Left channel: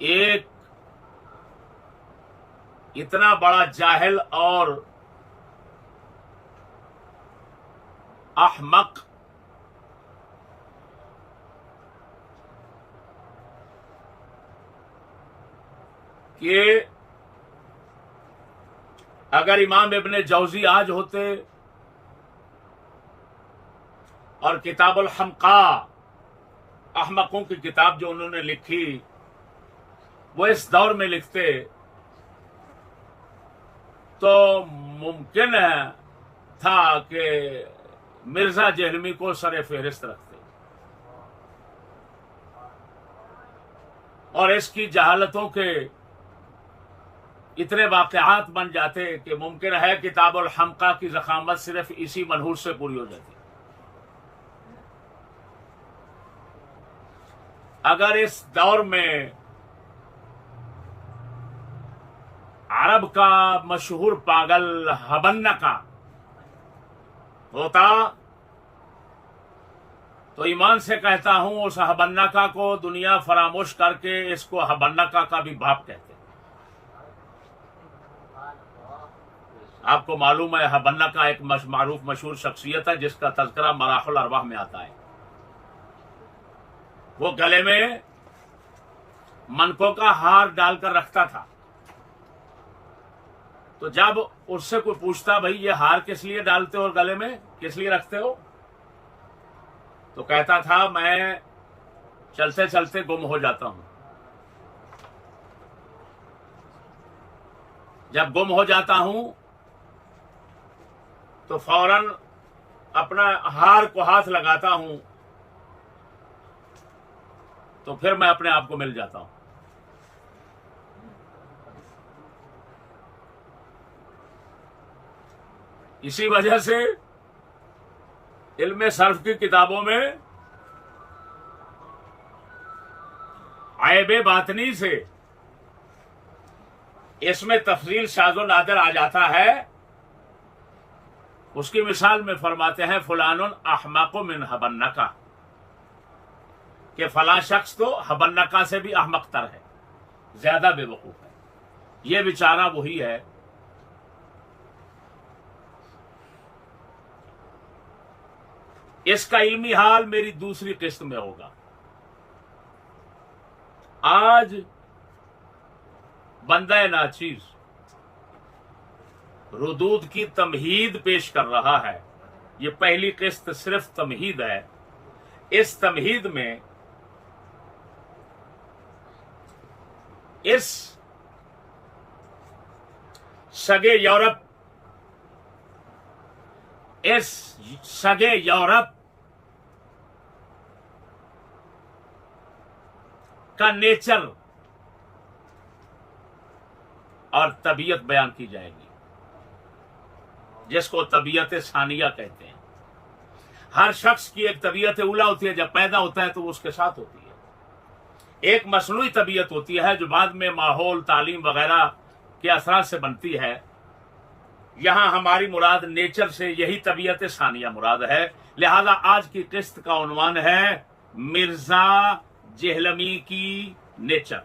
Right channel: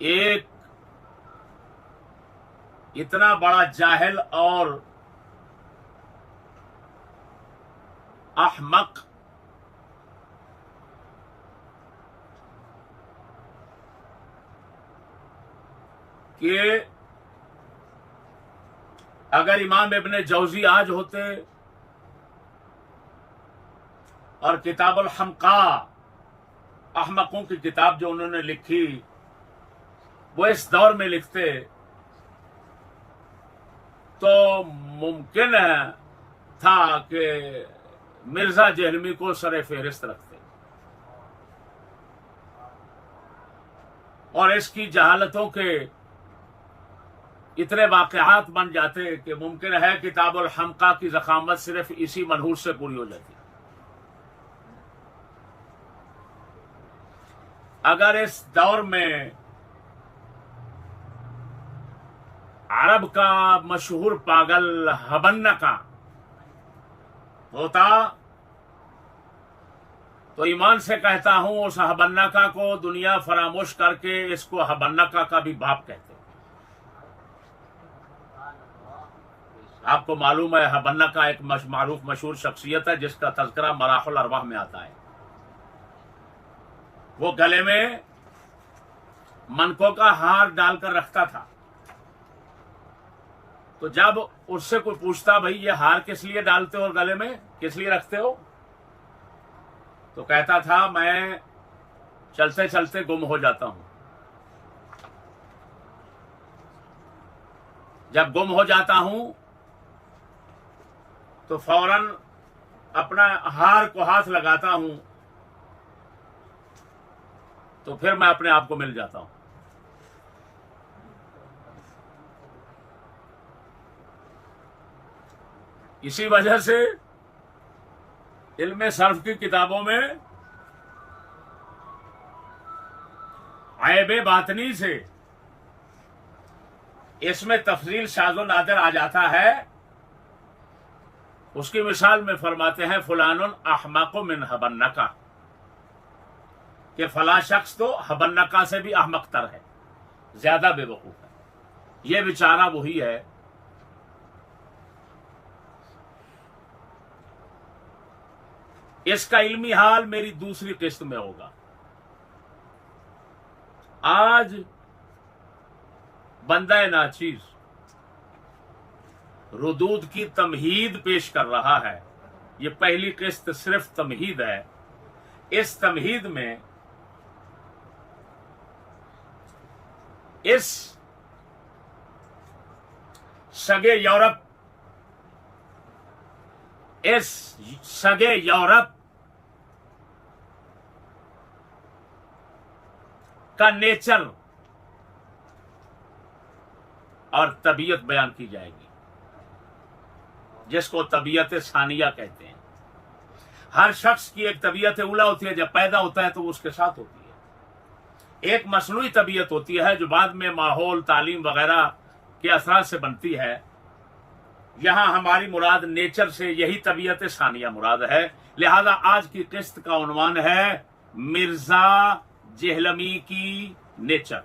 एक इतना बड़ा जाहिल और अहमक कि अगर इमाम इब्ने जौजी आज होते और किताबुल हमका, अहमकों की किताब जो उन्होंने लिखी, वो इस दौर में लिखते तो मुमकिन था कि मिर्जा जहलमी को सरे फेहरिस्त रखते और इसकी जहालतों के इतने वाकयात बन जाते कि मुमकिन है किताबुल हमका की ज़खामत सिर्फ इसी मनहूस से पूरी हो जाती। अगर इस दौर में अरब का मशहूर पागल हबन्नका होता तो ईमान से कहता हूं उस हबन्नका को दुनिया फरामोश करके इसको हबन्नका का भी बाप कहते। आपको मालूम है हबन्नका एक मारूफ मशहूर शख्सियत है जिसका तज़किरा मराहुल अरवाह में आता है। वो गले में मनकों का हार डालकर रखता था, तो जब उससे कोई पूछता भाई ये हार किस लिए डालते हो और गले में किस लिए रखते हो, तो कहता था मैं चलते चलते गुम हो जाता हूं। जब गुम हो जाता हूं तो फौरन अपना हार को हाथ लगाता हूं तो फिर मैं अपने आप को मिल जाता हूं। इसी वजह से इल्मे सर्फ की किताबों में आयबे बातनी से इसमें तफसील शाज़ो नादिर आ जाता है। उसकी मिसाल में फरमाते हैं फुलानुन अहमक़ु मिन हबन्नका, कि फला शख्स तो हबन्नका से भी अहमक तर है, ज्यादा बेवकूफ है। ये बेचारा वही है इसका इल्मी हाल मेरी दूसरी किस्त में होगा। आज बंदा नाचीज रुदूद की तमहीद पेश कर रहा है। ये पहली किस्त सिर्फ तमहीद है। इस तमहीद में इस सगे यूरोप का नेचर और तबीयत बयान की जाएगी, जिसको तबीयत सानिया कहते हैं। हर शख्स की एक तबीयत उला होती है, जब पैदा होता है तो वो उसके साथ होती है। एक मसनूई तबीयत होती है जो बाद में माहौल, तालीम वगैरह के असरात से बनती है। यहां हमारी मुराद नेचर से यही तबीयत सानिया मुराद है। लिहाजा आज की किस्त का उन्वान है मिर्जा जेहलमी की नेचर।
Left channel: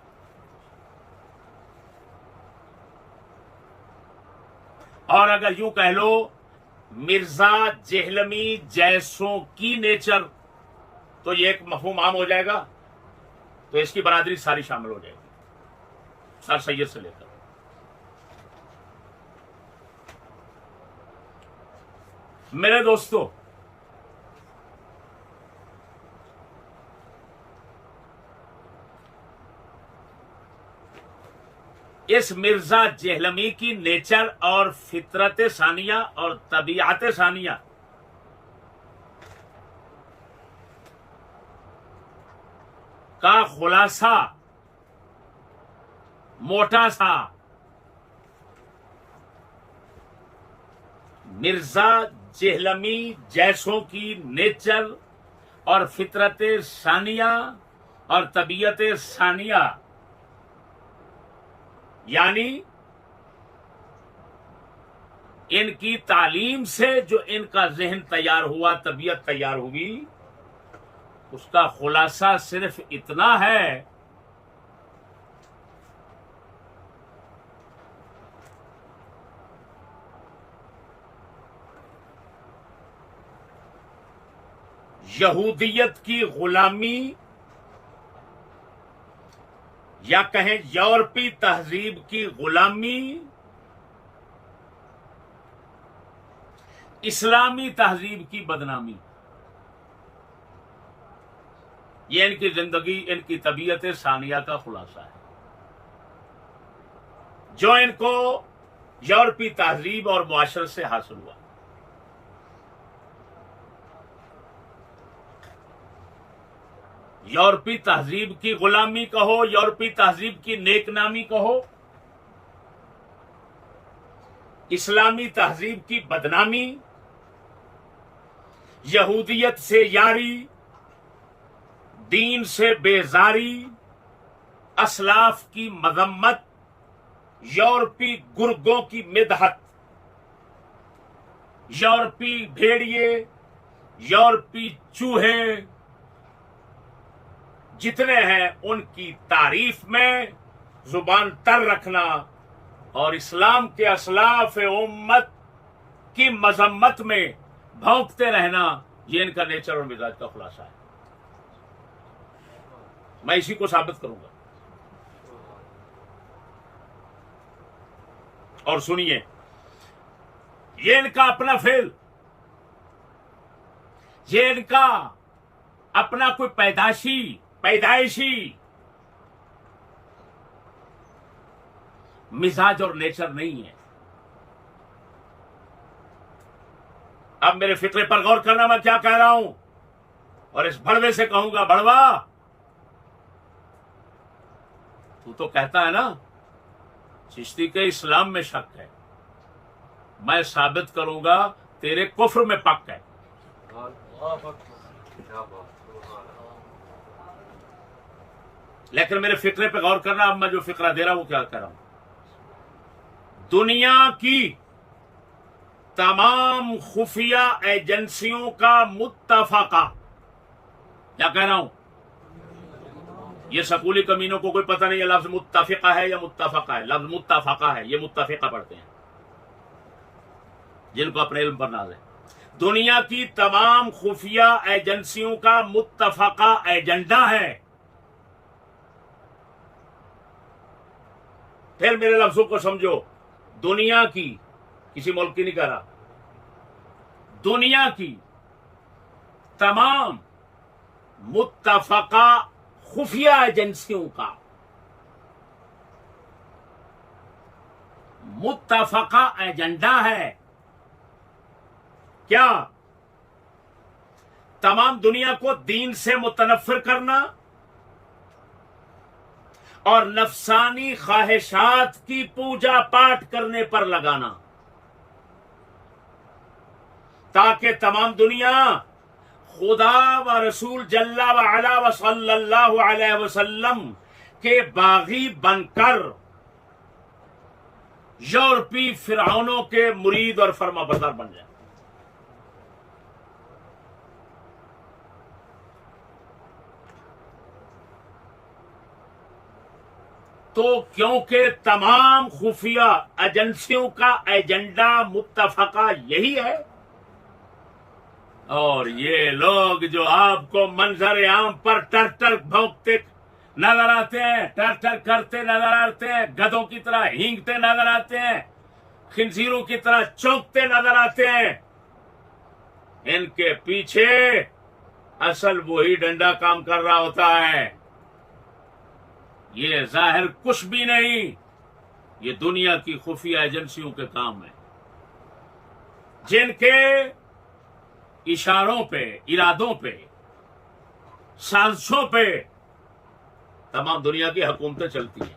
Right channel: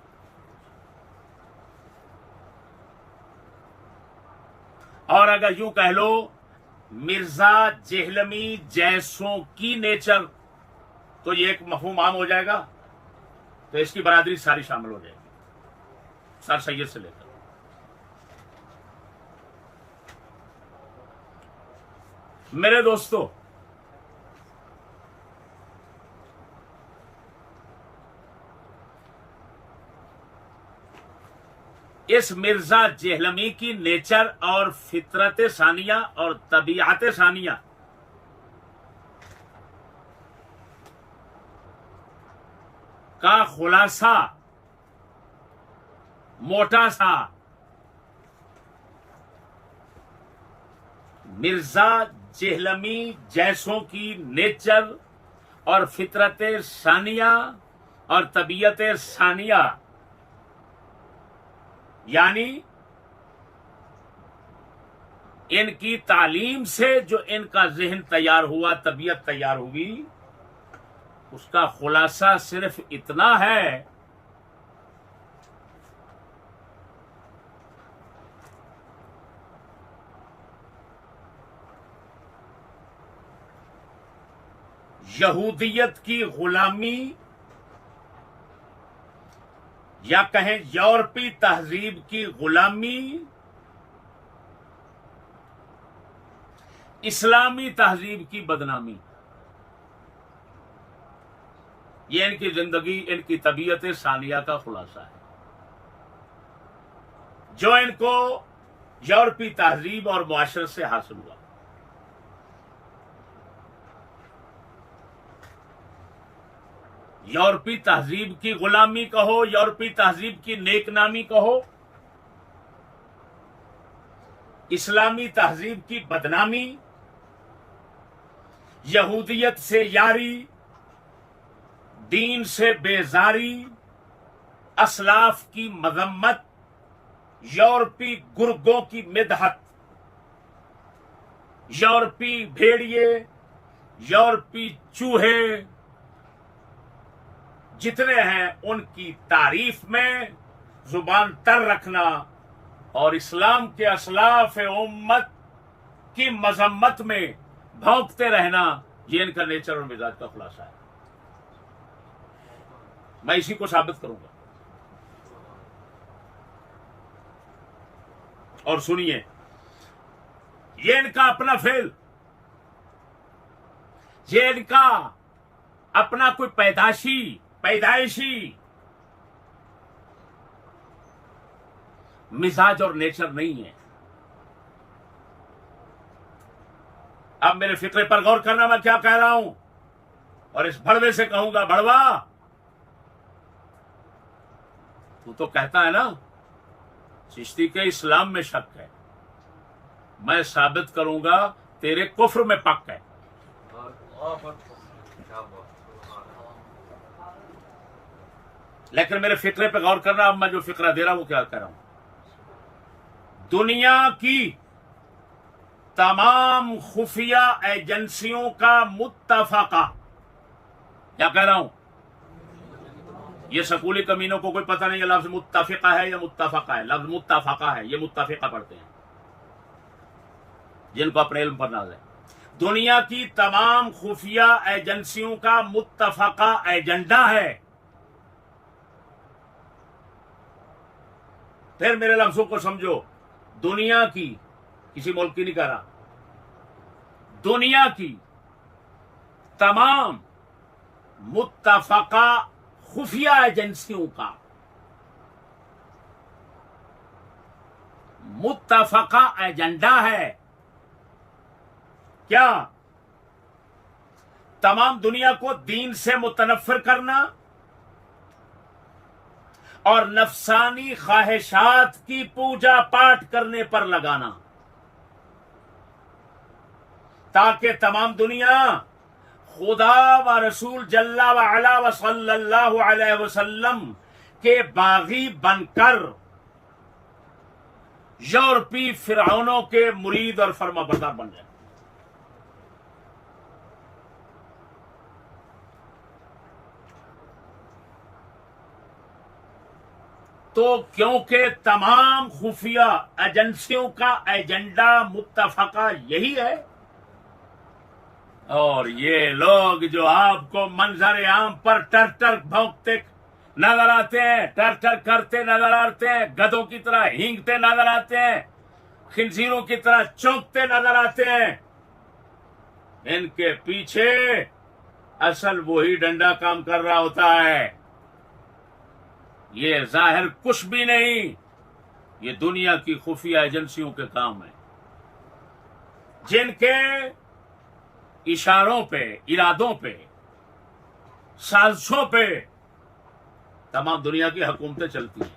और अगर यूं कह लो मिर्जा जेहलमी जैसों की नेचर, तो ये एक मफहूम आम हो जाएगा। तो इसकी बरादरी सारी शामिल हो जाएगी, सर सैयद से लेकर। मेरे दोस्तों, इस मिर्जा जेहलमी की नेचर और फितरत सानिया और तबीयत सानिया का खुलासा मोटा सा मिर्जा जेहलमी जैसों की नेचर और फितरत सानिया और तबीयत सानिया, यानी इनकी तालीम से जो इनका ज़हन तैयार हुआ, तबीयत तैयार हुई, उसका खुलासा सिर्फ इतना है यहूदियत की गुलामी या कहें यूरोपी तहजीब की गुलामी, इस्लामी तहजीब की बदनामी, ये इनकी जिंदगी, इनकी तबीयत सानिया का खुलासा है, जो इनको यूरोपी तहजीब और मुआशरत से हासिल हुआ। यूरोपी तहजीब की गुलामी कहो, यूरोपी तहजीब की नेकनामी कहो, इस्लामी तहजीब की बदनामी, यहूदियत से यारी, दीन से बेजारी, असलाफ की मजम्मत, यूरोपी गुर्गों की मिदहत, यूरोपी भेड़िए, यूरोपी चूहे जितने हैं उनकी तारीफ में जुबान तर रखना और इस्लाम के असलाफ उम्मत की मजम्मत में भौंकते रहना, ये इनका नेचर और मिजाज का खुलासा है। मैं इसी को साबित करूंगा। और सुनिए, ये इनका अपना फेल, ये इनका अपना कोई पैदाइशी मिजाज और नेचर नहीं है। अब मेरे फिक्रे पर गौर करना, मैं क्या कह रहा हूं, और इस भड़वे से कहूंगा, भड़वा तू तो कहता है ना चिश्ती के इस्लाम में शक है, मैं साबित करूंगा तेरे कुफ्र में पक है। लेकिन मेरे फिक्रे पे गौर करना, अब मैं जो फिक्रा दे रहा हूं वो क्या कह रहा हूं। दुनिया की तमाम खुफिया एजेंसियों का मुत्तफका, क्या कह रहा हूं, ये स्कूली कमीनों को कोई पता नहीं है लफ्ज मुत्तफिका है या मुत्तफका है। लफ्ज मुत्तफका है, ये मुत्तफिका पढ़ते हैं जिनको अपने इल्म पर नाज है। दुनिया की तमाम खुफिया एजेंसियों का मुत्तफका एजेंडा है। फिर मेरे लफ्जों को समझो, दुनिया की, किसी मुल्क की नहीं कह रहा, दुनिया की तमाम मुत्तफका खुफिया एजेंसियों का मुत्तफका एजेंडा है क्या? तमाम दुनिया को दीन से मुतनफ्फिर करना और नफसानी ख्वाहिशात की पूजा पाठ करने पर लगाना, ताकि तमाम दुनिया खुदा व रसूल जल्ला व अला व सल्लल्लाहु अलैहि वसल्लम के बागी बनकर यूरोपी फिरौनों के मुरीद और फरमाबरदार बन जाए। तो क्योंकि तमाम खुफिया एजेंसियों का एजेंडा मुत्तफका यही है, और ये लोग जो आपको मंजर आम पर टर टर भौंकते नजर आते हैं, टर टर करते नजर आते हैं, गधों की तरह हींगते नजर आते हैं, खिंजीरों की तरह चौंकते नजर आते हैं, इनके पीछे असल वही डंडा काम कर रहा होता है। ये जाहिर कुछ भी नहीं, ये दुनिया की खुफिया एजेंसियों के काम है, जिनके इशारों पे, इरादों पे, साजिशों पे तमाम दुनिया की हुकूमतें चलती हैं।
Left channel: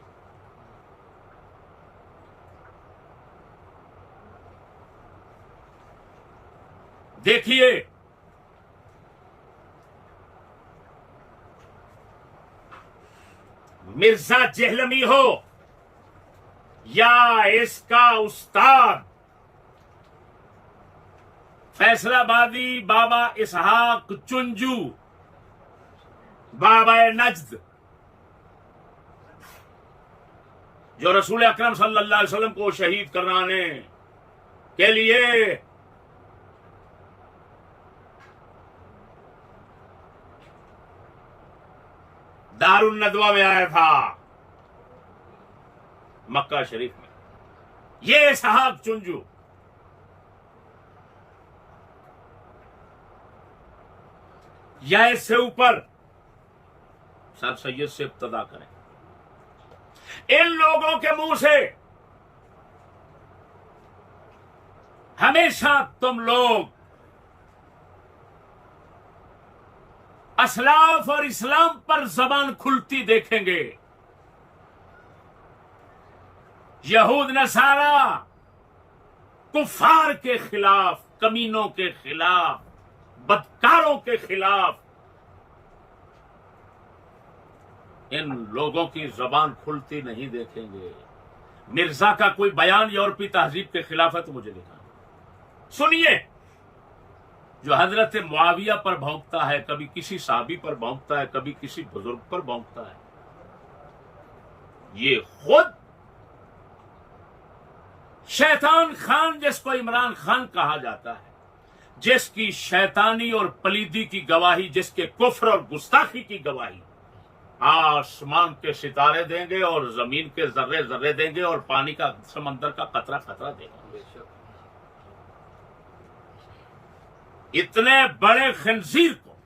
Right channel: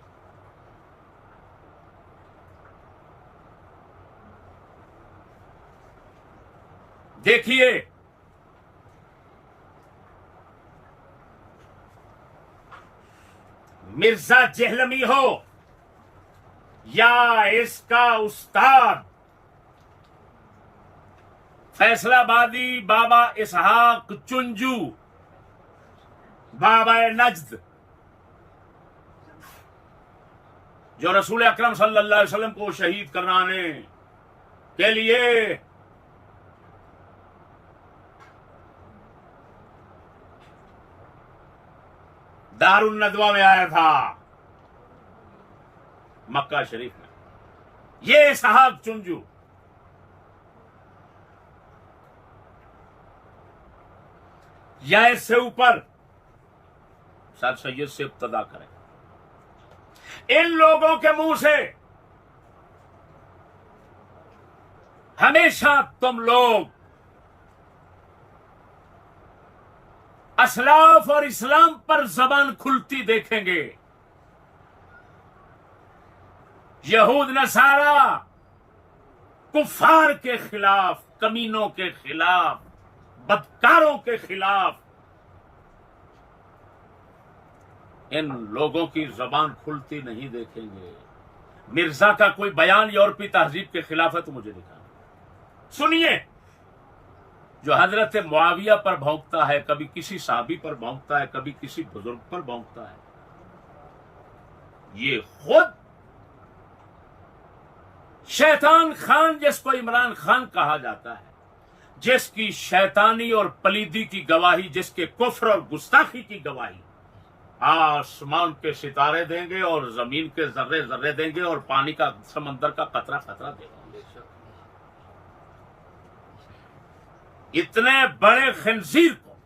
देखिए, मिर्जा जेहलमी हो या इसका उस्ताद फैसलाबादी बाबा इसहाक चुंजू, बाबा नज्द, जो रसूल अकरम सल्लल्लाहु अलैहि वसल्लम को शहीद कराने के लिए दारुल नदवा में आया था, मक्का शरीफ में। ये इसहाक चुंजू या इससे ऊपर सर सैयद से इब्तदा करें। इन लोगों के मुंह से हमेशा तुम लोग असलाफ और इस्लाम पर जबान खुलती देखेंगे। यहूद नसारा कुफार के खिलाफ, कमीनों के खिलाफ, बदकारों के खिलाफ इन लोगों की जबान खुलती नहीं देखेंगे। मिर्जा का कोई बयान यूरोपीय तहजीब के खिलाफ है तो मुझे दिखाना। सुनिए, जो हजरत मुआविया पर भौंकता है, कभी किसी साहबी पर भौंकता है, कभी किसी बुजुर्ग पर भौंकता है, ये खुद शैतान खान, जिसको इमरान खान कहा जाता है, जिसकी शैतानी और पलीदी की गवाही, जिसके कुफ्र और गुस्ताखी की गवाही आसमान के सितारे देंगे और जमीन के जर्रे जर्रे देंगे और पानी का, समंदर का कतरा कतरा देंगे। इतने बड़े खंजीर को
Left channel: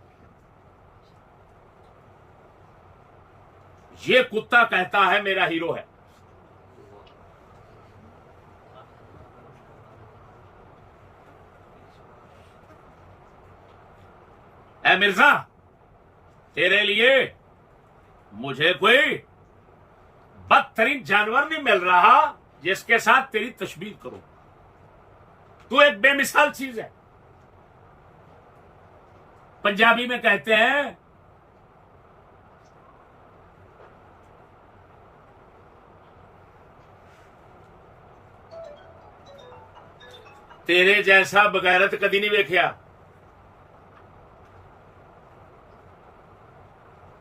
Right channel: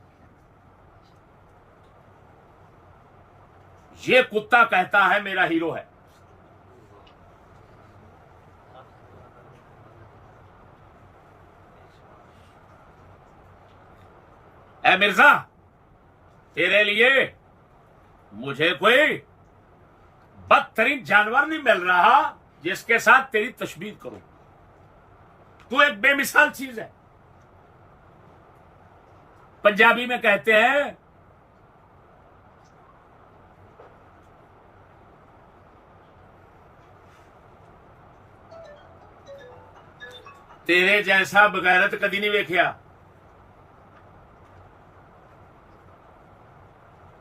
ये कुत्ता कहता है मेरा हीरो है। ऐ मिर्जा, तेरे लिए मुझे कोई बदतरीन जानवर नहीं मिल रहा जिसके साथ तेरी तशबीह करूं। तू एक बेमिसाल चीज है। पंजाबी में कहते हैं तेरे जैसा बगैरत कदी नहीं वेख्या।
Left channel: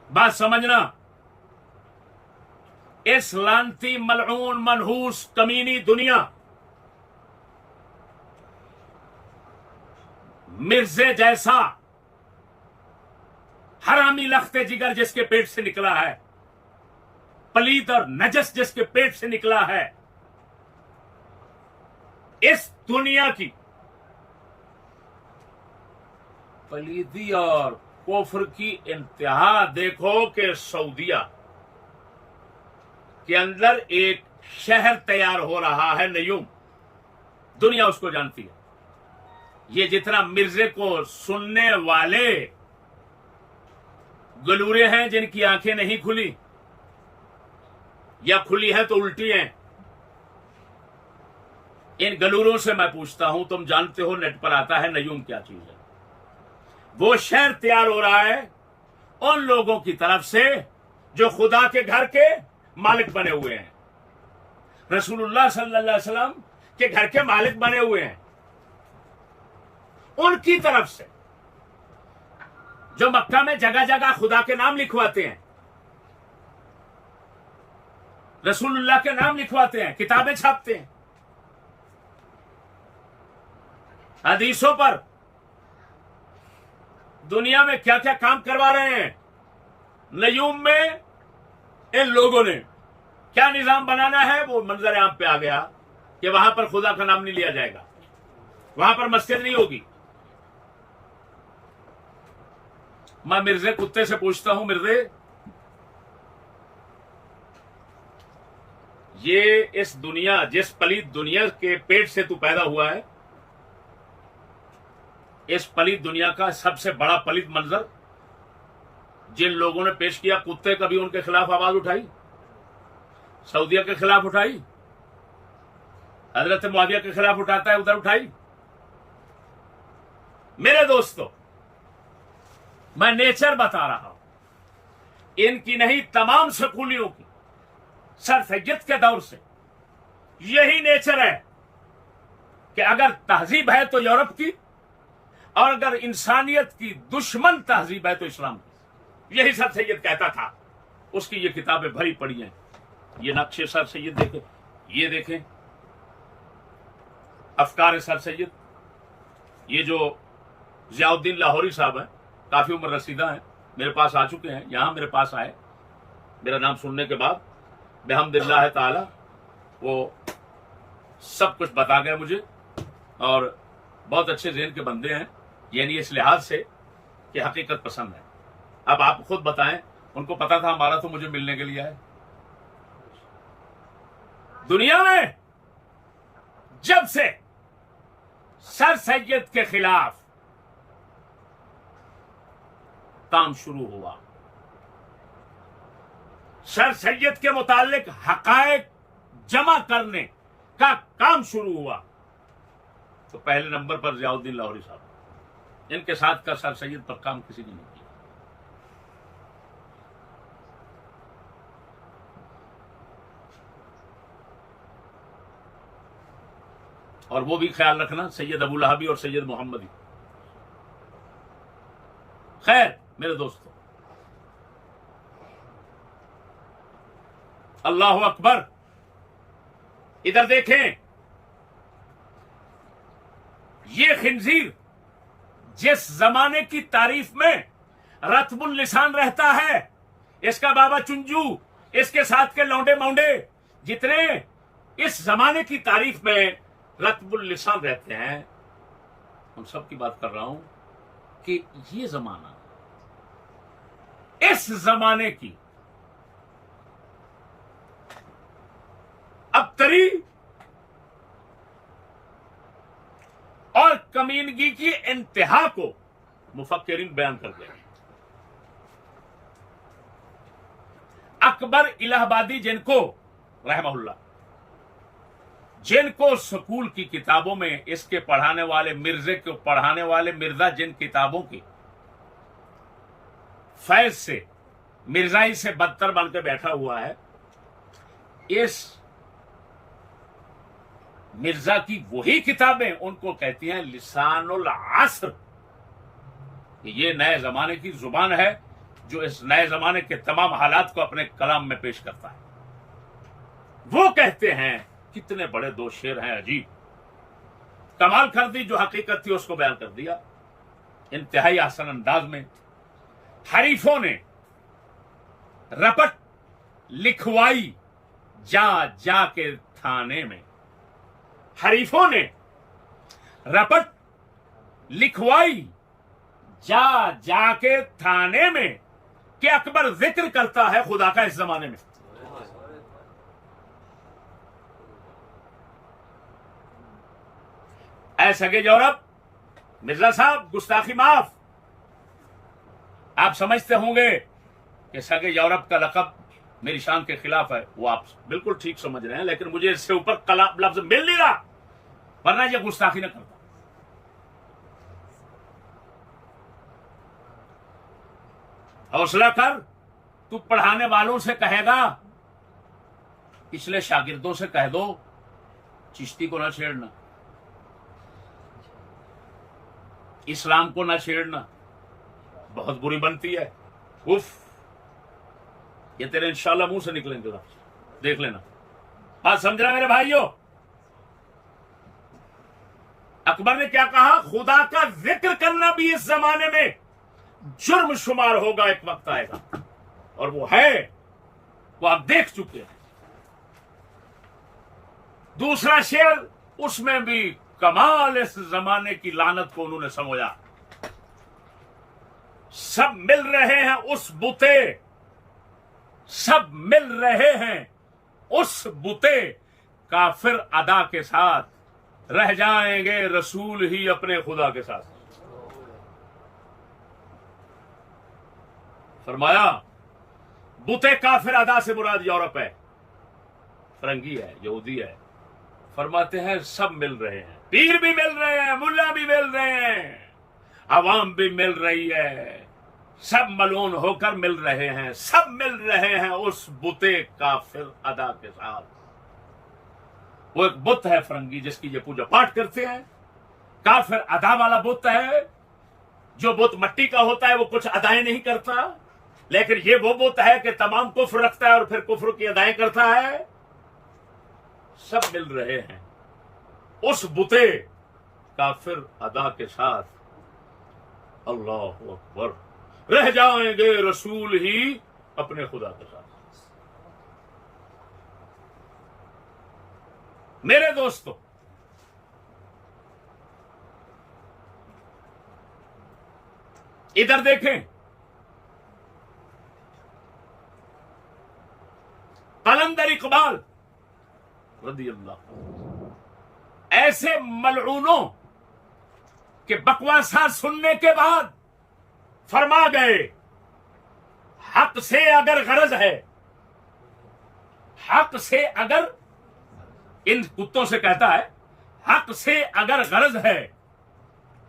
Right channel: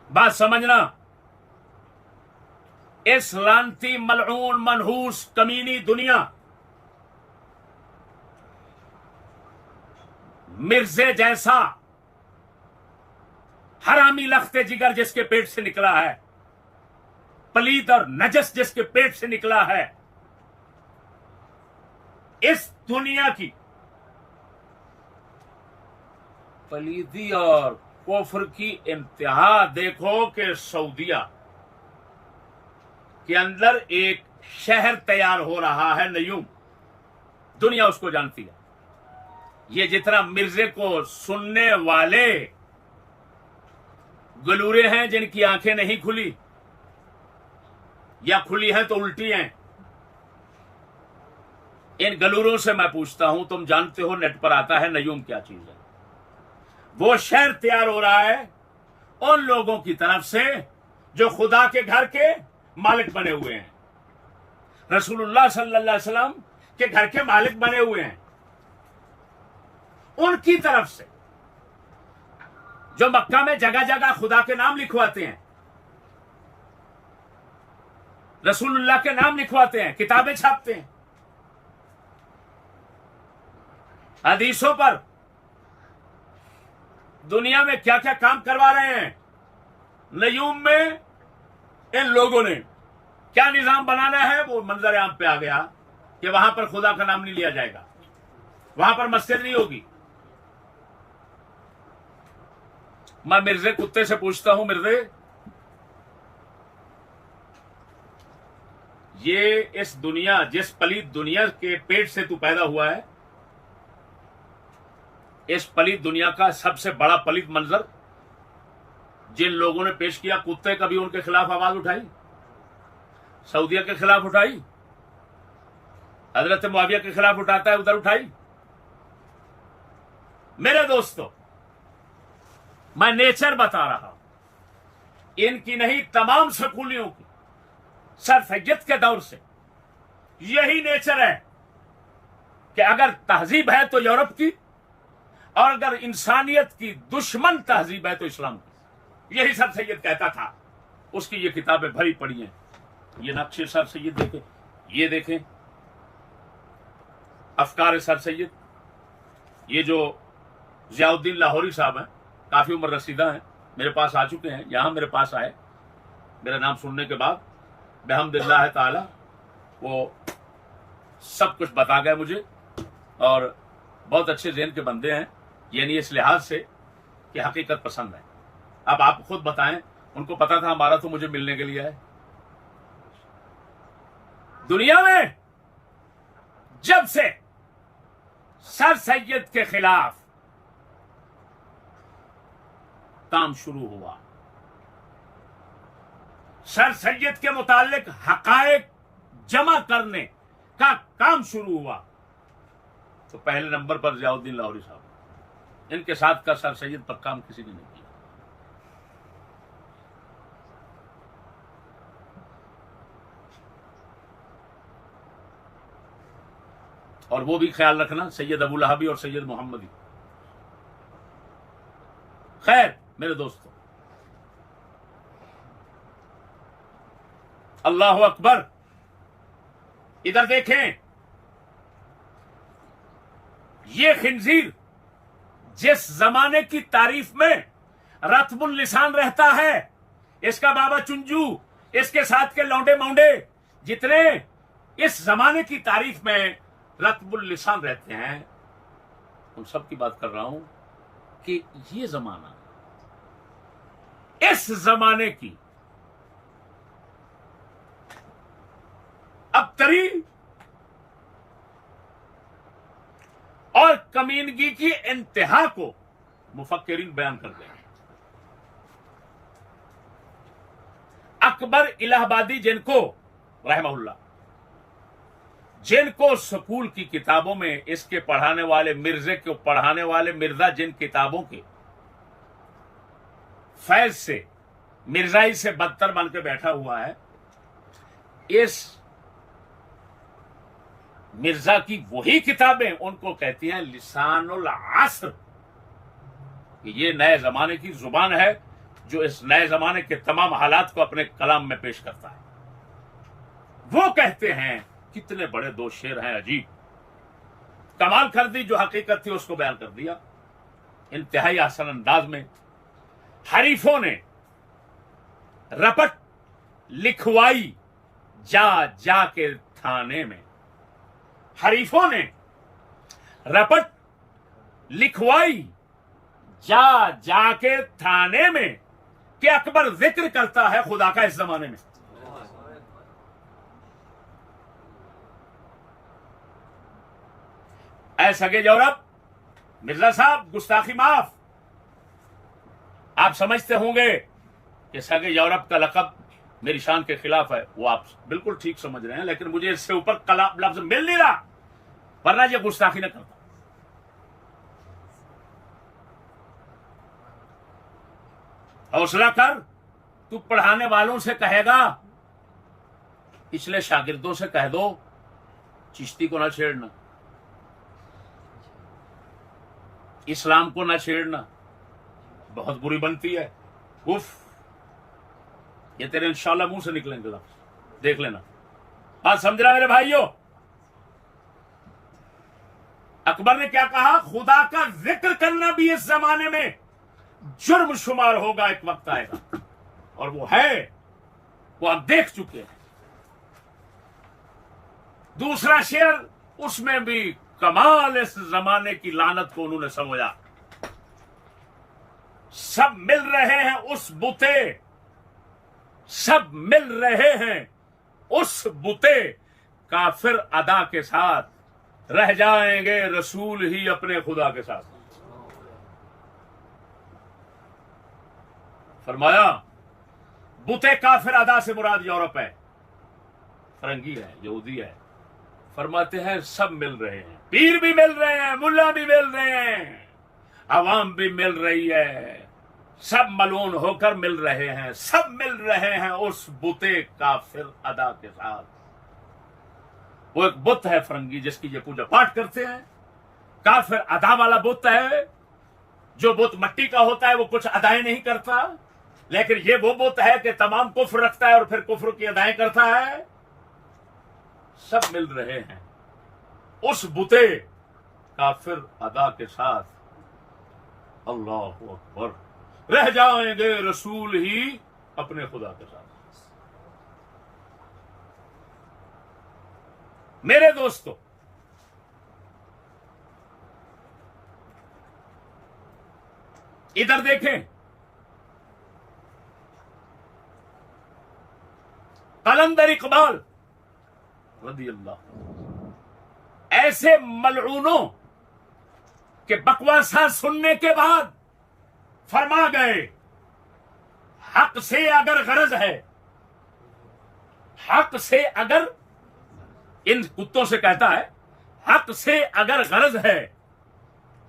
बात समझना, इस लानती मलऊन मनहूस कमीनी दुनिया मिर्जे जैसा हरामी लख्ते जिगर जिसके पेट से निकला है, पलीद और नजस जिसके पेट से निकला है, इस दुनिया की पलीदी और कुफ्र की इंतहा देखो कि सऊदिया के अंदर एक शहर तैयार हो रहा है, नयूम। दुनिया उसको जानती है। ये जितना मिर्जे को सुनने वाले गलूरे हैं, जिनकी आंखें नहीं खुली या खुली हैं तो उल्टी हैं, इन गलूरों से मैं पूछता हूं, तुम जानते हो नेट पर आता है नयूम क्या चीज है? वो शहर तैयार हो रहा है उन लोगों की तरफ से जो खुदा के घर के मालिक बने हुए हैं, रसूलुल्लाह सल्लल्लाहु अलैहि वसल्लम के घर के मालिक बने हुए हैं, उनकी तरफ से जो मक्का में जगह जगह खुदा के नाम लिखवाते हैं, रसूलुल्लाह के नाम लिखवाते हैं, किताबें छापते हैं, हदीसों पर दुनिया में क्या क्या काम करवा रहे हैं, नयूम में इन लोगों ने क्या निजाम बनाना है, वो मंजर आम पे आ गया कि वहां पर खुदा का नाम नहीं लिया जाएगा, वहां पर मस्जिद नहीं होगी। मैं मिर्जे कुत्ते से पूछता हूं, मिर्जे ये इस दुनिया, जिस पलीद दुनिया के पेट से तू पैदा हुआ है, इस पलीद दुनिया का सबसे बड़ा पलीद मंजर जिन लोगों ने पेश किया, कुत्ते कभी उनके खिलाफ आवाज उठाई? सऊदिया के खिलाफ उठाई? हजरत मुआविया के खिलाफ उठाता है, उधर उठाई? मेरे दोस्तों, मैं नेचर बता रहा हूं, इनकी नहीं, तमाम स्कूलियों की, सर सैयद के दौर से यही नेचर है कि अगर तहजीब है तो यूरोप की, और अगर इंसानियत की दुश्मन तहजीब है तो इस्लाम की। यही सर सैयद कहता था, उसकी ये किताबें भरी पड़ी हैं। ये नक्शे सर सैयद देखें, ये देखें अफकार सर सैयद, ये जो जियाउद्दीन लाहौरी साहब हैं, काफी उम्र रसीदा हैं, मेरे पास आ चुके हैं, यहां मेरे पास आए, मेरा नाम सुनने के बाद बिहम्दिल्लाह ताला वो सब कुछ बता गए मुझे, और बहुत अच्छे ज़हन के बंदे हैं, यानी इस लिहाज से कि हकीकत पसंद है। अब आप खुद बताएं, उनको पता था हमारा तो मुझे मिलने के लिए है। दुनिया में जब से सर सैयद के खिलाफ काम शुरू हुआ, सर सैयद के मुतालिक हकायक जमा करने का काम शुरू हुआ, तो पहले नंबर पर ज़ियाउद्दीन लाहौरी साहब, इनके साथ का सर सैयद पर काम किसी ने नहीं किया। और वो भी ख्याल रखना, सैयद अबू लहबी और सैयद मोहम्मदी। खैर मेरे दोस्तों, अल्लाह अकबर, इधर देखें, ये खिंजीर जिस जमाने की तारीफ में रत्बुल लिसान रहता है, इसका बाबा चुंजू, इसके साथ के लौंडे मौंडे जितने इस जमाने की तारीफ में रत्बुल लिसान रहते हैं, उन सब की बात कर रहा हूं कि ये जमाना, इस जमाने की अबतरी और कमीनगी की इंतहा को मुफक्किरीन बयान कर देंगे। अकबर इलाहाबादी, जिनको रहमहुल्लाह, जिनको स्कूल की किताबों में इसके पढ़ाने वाले मिर्जे को पढ़ाने वाले मिर्जा जिन किताबों के फैज से मिर्जाई से बदतर बनकर बैठा हुआ है, इस मिर्जा की वही किताबें उनको कहती हैं लिसानुल असर, ये नए जमाने की जुबान है जो इस नए जमाने के तमाम हालात को अपने कलाम में पेश करता है। वो कहते हैं, कितने बड़े दो शेर हैं, अजीब कमाल कर दी, जो हकीकत थी उसको बयान कर दिया इंतहाई आसान अंदाज में। हरीफों ने रपट लिखवाई जा जा के थाने में, हरीफों ने रपट लिखवाई जा जा के थाने में कि अकबर जिक्र करता है खुदा का इस जमाने में। ऐ सगे जौरब, मिर्जा साहब गुस्ताखी माफ। आप समझते होंगे कि सगे यौरब का लकब मेरी शान के खिलाफ है, वो आप बिल्कुल ठीक समझ रहे हैं, लेकिन मुझे इससे ऊपर कलाम लफ्ज मिल नहीं रहा, वरना ये गुस्ताखी न करता। हौसला कर, तू पढ़ाने वालों से कहेगा, पिछले शागिर्दों से कह दो चिश्ती को ना छेड़ना, इस्लाम को ना छेड़ना, बहुत बुरी बनती है। उफ, ये तेरे इंशाल्लाह मुंह से निकलेंगे, देख लेना। बात समझ रहा मेरे भाइयों? अकबर ने क्या कहा, खुदा का जिक्र करना भी इस जमाने में जुर्म शुमार होगा, एक वक्त आएगा, और वो है, वो आप देख चुके हैं। दूसरा शेर, उसमें भी कमाल इस जमाने की लानत को उन्होंने समझा। सब मिल रहे हैं उस बुते, सब मिल रहे हैं उस बुते, काफिर अदा के साथ रह जाएंगे रसूल ही अपने खुदा के साथ। फरमाया, बुते काफिर अदा से मुराद यूरोप है, फरंगी है, यहूदी है। फरमाते हैं सब मिल रहे हैं, पीर भी मिल रहे हैं, मुल्ला भी मिल रहे हैं, अवाम भी मिल रही है, सब मलून होकर मिल रहे हैं, सब मिल रहे हैं उस बुते काफिर अदा के साथ। वो एक बुत है फरंगी जिसकी ये पूजा पाठ करते हैं, काफिर अदा वाला बुत है। जो बुत मट्टी का होता है वो कुछ अदाएं नहीं करता, लेकिन ये वो बुत है कि तमाम कुफ्र रखता है और फिर कुफ्र की अदाएं करता है। सब मिल रहे हैं उस बुते काफिर अदा के साथ। अल्लाह अकबर, रह जाएंगे रसूल ही अपने खुदा के साथ। मेरे दोस्तों, इधर देखें, कलंदर इकबाल रज़ी अल्लाह ऐसे मलऊनों के बकवासा सुनने के बाद फरमा गए, हक से अगर गरज है, हक से अगर, इन कुत्तों से कहता है, हक से अगर गरज है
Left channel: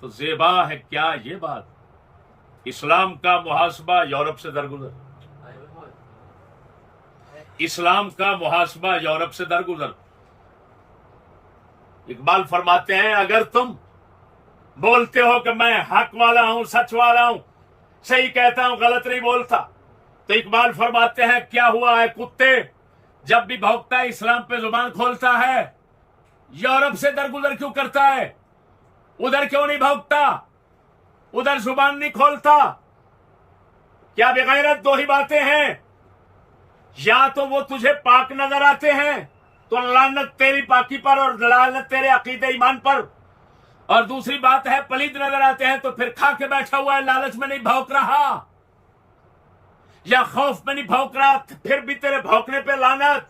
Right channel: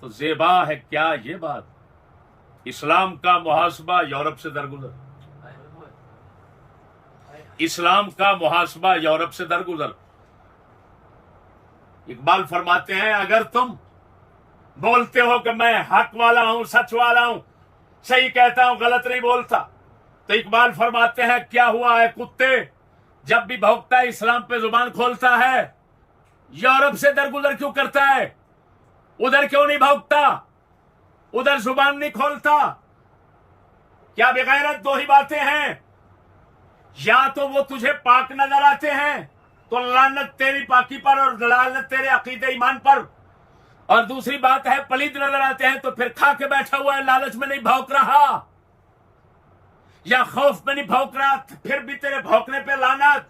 तो ज़ेबा है क्या ये बात, इस्लाम का मुहासबा यूरोप से दरगुजर, इस्लाम का मुहासबा यूरोप से दरगुजर। इकबाल फरमाते हैं, अगर तुम बोलते हो कि मैं हक वाला हूं, सच वाला हूं, सही कहता हूं, गलत नहीं बोलता, तो इकबाल फरमाते हैं क्या हुआ है कुत्ते, जब भी भौंकता है इस्लाम पे जुबान खोलता है, यूरोप से दरगुजर क्यों करता है, उधर क्यों नहीं भौंकता, उधर जुबान नहीं खोलता? क्या बेगैरत दो ही बातें हैं, या तो वो तुझे पाक नजर आते हैं तो लानत तेरी पाकी पर और लानत तेरे अकीदे ईमान पर, और दूसरी बात है पलीद नजर आते हैं तो फिर खा के बैठा हुआ है, लालच में नहीं भौंक रहा या खौफ में नहीं भौंक रहा, फिर भी तेरे भौंकने पे लानत।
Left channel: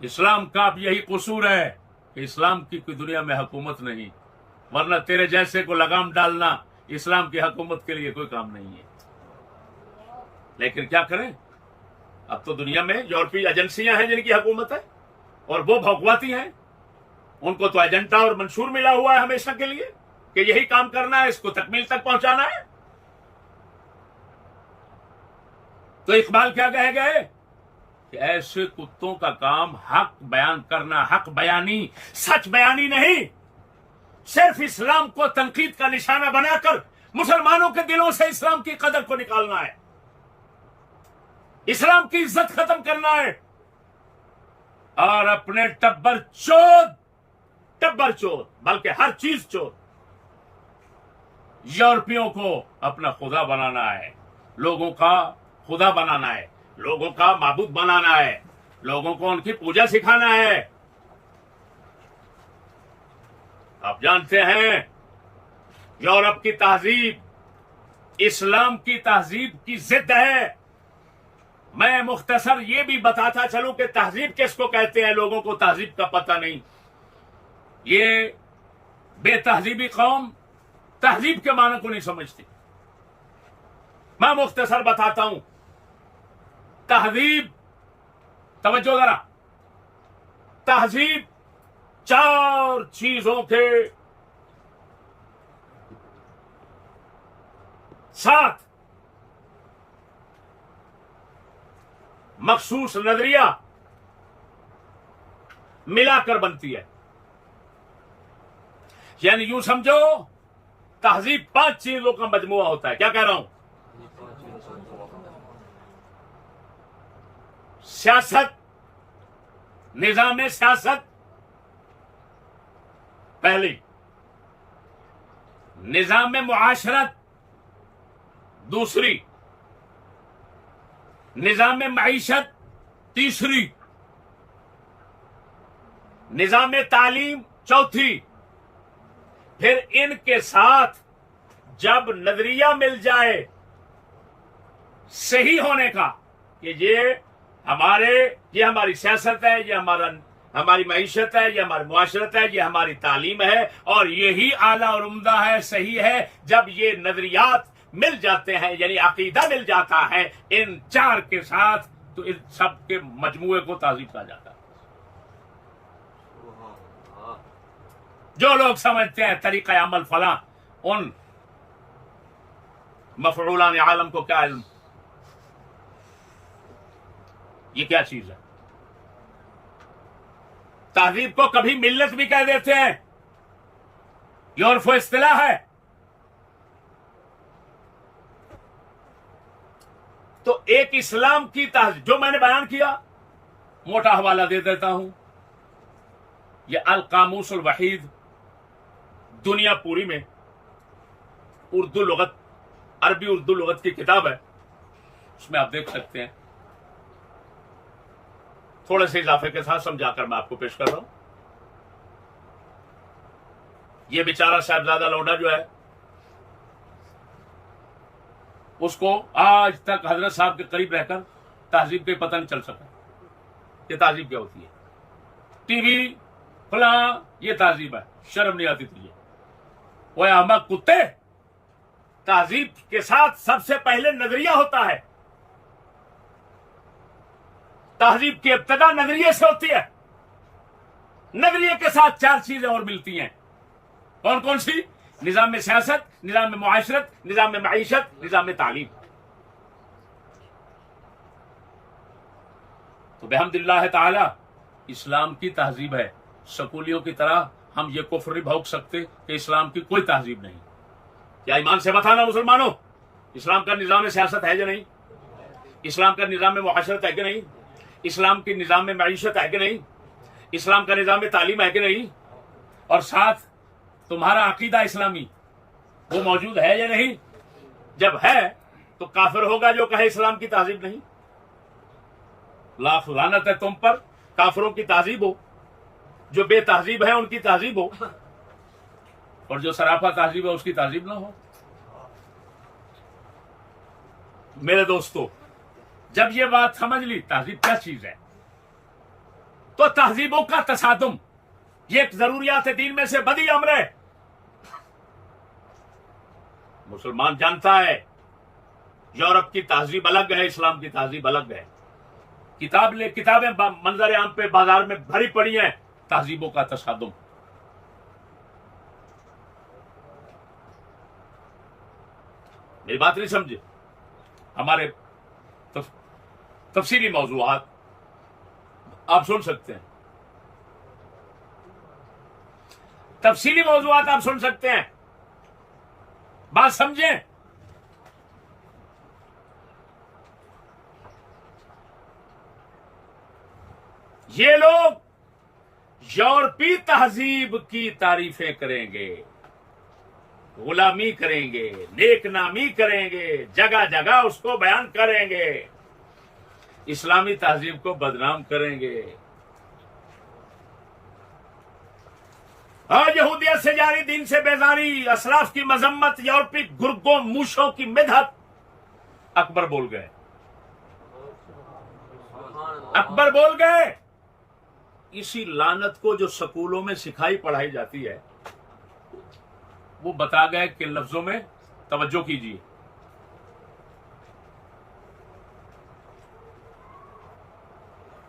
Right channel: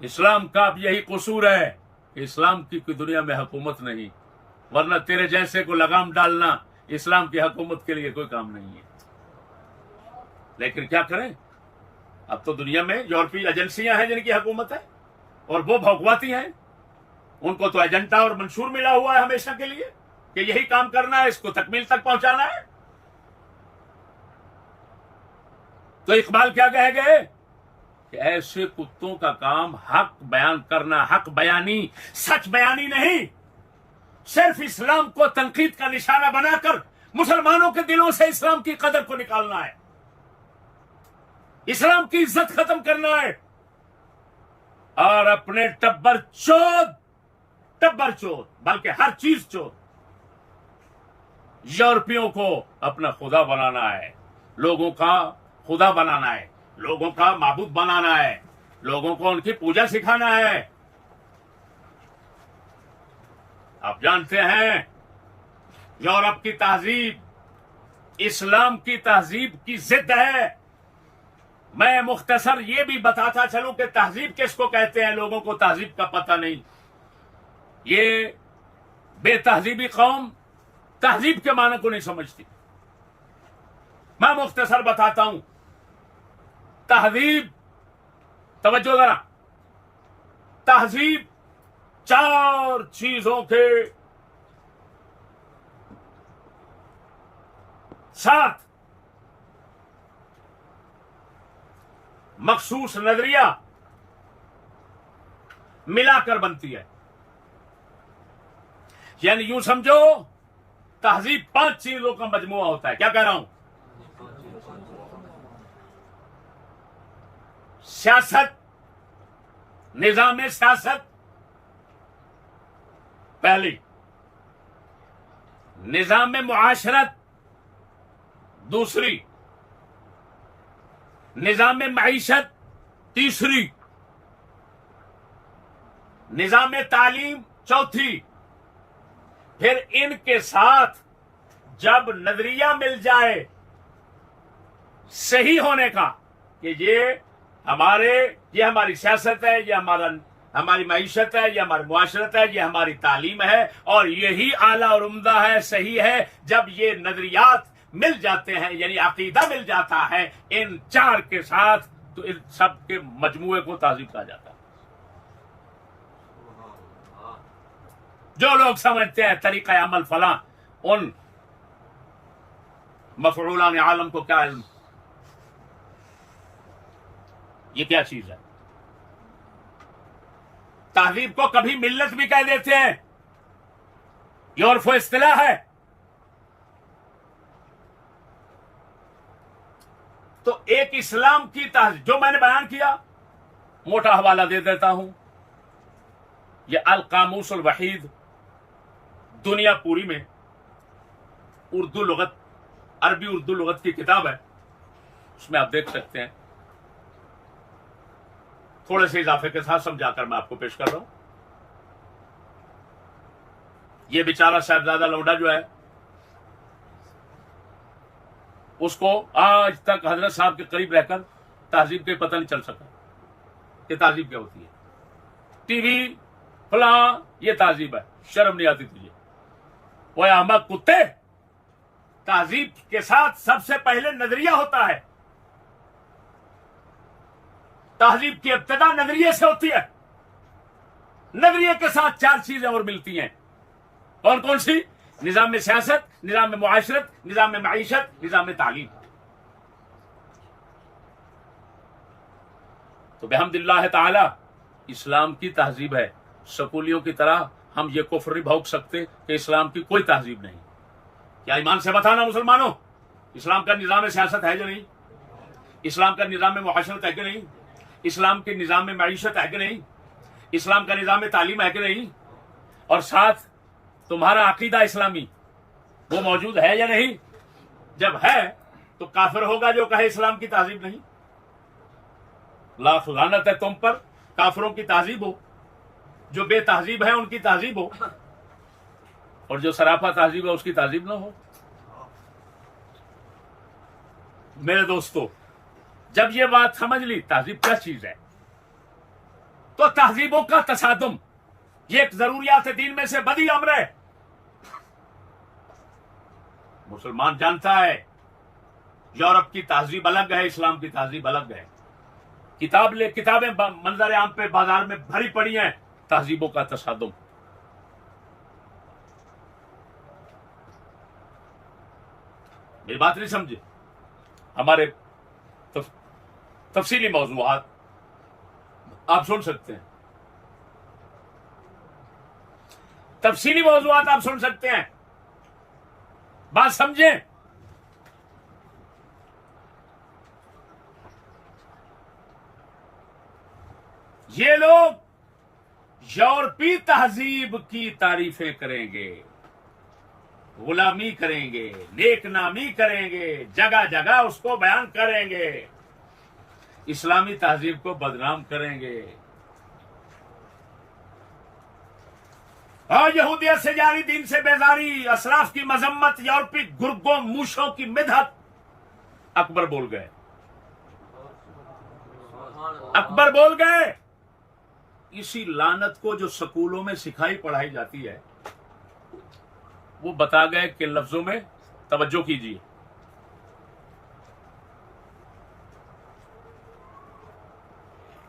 इस्लाम का अब यही कसूर है कि इस्लाम की कोई दुनिया में हुकूमत नहीं, वरना तेरे जैसे को लगाम डालना इस्लाम की हुकूमत के लिए कोई काम नहीं है। लेकिन क्या करें, अब तो दुनिया में यूरोपीय एजेंसियां हैं जिनकी हुकूमत है और वो भौंकवाती हैं, उनको तो एजेंडा और मंशूर मिला हुआ है हमेशा के लिए कि यही काम करना है, इसको तकमील तक पहुंचाना है। तो इकबाल क्या कह गए कि ऐसे कुत्तों का काम हक बयान करना, हक बयानी, सच बयानी नहीं, सिर्फ इस्लाम को तनकीद का निशाना बनाकर मुसलमानों के दिलों से इस्लाम की कदर को निकालना है, इस्लाम की इज्जत खत्म करना है, और अपने टब्बर चोद बल्कि हर चीज चोद यूरोपियों को अपना खुदा बनाना है, लोगों का खुदा बनाना है, लोगों का माबूद बनाना है, लोगों को उनकी पूजा सिखाना है। आप जानते हैं यूरोप की तहजीब इस्लाम की तहजीब की जिद है। मैं मुख्तसर ये भी बताता चलूं कि तहजीब किसको कहते हैं, लोगों को तहजीब का पता नहीं, ये बेतहजीबी कौम तहजीब के माने को नहीं समझती। मैं मुख्तसर बताता हूं, तहजीब, तवज्जो जरा, तहजीब 4 चीजों के साथ मखसूस नजरिया मिलाकर बनती है। यानी यूं समझो तहजीब 5 चीजों का मजमुआ होता है। क्या कह रहा हूं? सियासत, निजाम सियासत पहली, निजाम मुआशरत दूसरी, निजाम मईशत तीसरी, निजाम तालीम चौथी। फिर इनके साथ जब नजरिया मिल जाए सही होने का कि ये हमारी सियासत है, ये हमारी मईशत है, ये हमारी मुआशरत है, ये हमारी तालीम है और यही आला और उम्दा है, सही है, जब ये नजरियात मिल जाते हैं यानी अकीदा मिल जाता है इन 4 के साथ, तो इन सब के मजमुए को तहजीब कहा जाता है। जो लोग समझते हैं तरीका अमल फला, उन मफऊलान आलम को क्या इल्म, ये क्या चीज है। तहजीब को कभी मिल्लत भी कह देते हैं, ये उर्फ इस्तिलाह है। तो एक इस्लाम की तहजीब जो मैंने बयान किया, मोटा हवाला दे देता हूं, यह अल कामूस अल वहीद दुनिया पूरी में उर्दू लुगत, अरबी उर्दू लुगत की किताब है, उसमें आप देख सकते हैं। थोड़े से इजाफे के साथ समझाकर मैं आपको पेश कर रहा हूं। ये बेचारा साहबजादा लोडा जो है, उसको आज तक हजरत साहब के करीब रहकर तहजीब के पता नहीं चल सका कि तहजीब क्या होती है। टीवी फला ये तहजीब है, शर्म नहीं आती तुझे? वो अहमद कुत्ते, तहजीब के साथ सबसे पहले नजरिया होता है। तहजीब की इब्तिदा नजरिए से होती है। नजरिए के साथ 4 चीजें और मिलती हैं। कौन कौन सी? निजाम में सियासत, निजाम में मुआशरत, निजाम में मईशत, निजाम में तालीम। तो बेहम्दिल्लाह ताला इस्लाम की तहजीब है। स्कूलियों की तरह हम ये कुफ्र नहीं भोग सकते कि इस्लाम की कोई तहजीब नहीं। क्या ईमान से बताना मुसलमानों, इस्लाम का निजाम सियासत है या नहीं? इस्लाम का निजाम में मुआशरत है कि नहीं? इस्लाम के निजाम में मईशत है कि नहीं? इस्लाम का निजाम में तालीम है कि नहीं? और साथ तुम्हारा अकीदा इस्लामी वो मौजूद है या नहीं? जब है तो काफिर होगा जो कहे इस्लाम की तहजीब नहीं। लाख लानत है तुम पर, काफिरों की तहजीब हो, जो बेतहजीब है उनकी तहजीब हो, और जो सराफा तहजीब है उसकी तहजीब ना हो। मेरे दोस्तों, जब ये बात समझ ली तहजीब क्या चीज है, तो तहजीबों का तसादुम ये एक जरूरियात दीन में से बदी अमर है। मुसलमान जानता है यूरोप की तहजीब अलग है, इस्लाम की तहजीब अलग है। किताबें मंजर आम पे बाजार में भरी पड़ी हैं, तहजीबों का तसादुम। मेरी बात नहीं समझे? हमारे तफसीली मौजूआत आप सुन सकते हैं, तफसीली मौजूआत आप सुन सकते हैं। बात समझें। ये लोग यूरोपीय तहजीब की तारीफें करेंगे, गुलामी करेंगे, नेकनामी करेंगे, जगह जगह उसको बयान करेंगे, इस्लामी तहजीब को बदनाम करेंगे। यहूदियत से जारी, दीन से बेजारी, असराफ की मजम्मत, यूरोपीय गुर्गों मूशों की मिदहत। अकबर बोल गए, अकबर बोल गए। इसी लानत को जो स्कूलों में सिखाई पढ़ाई जाती है, वो बता गए कि लफ्जों में तवज्जो कीजिए।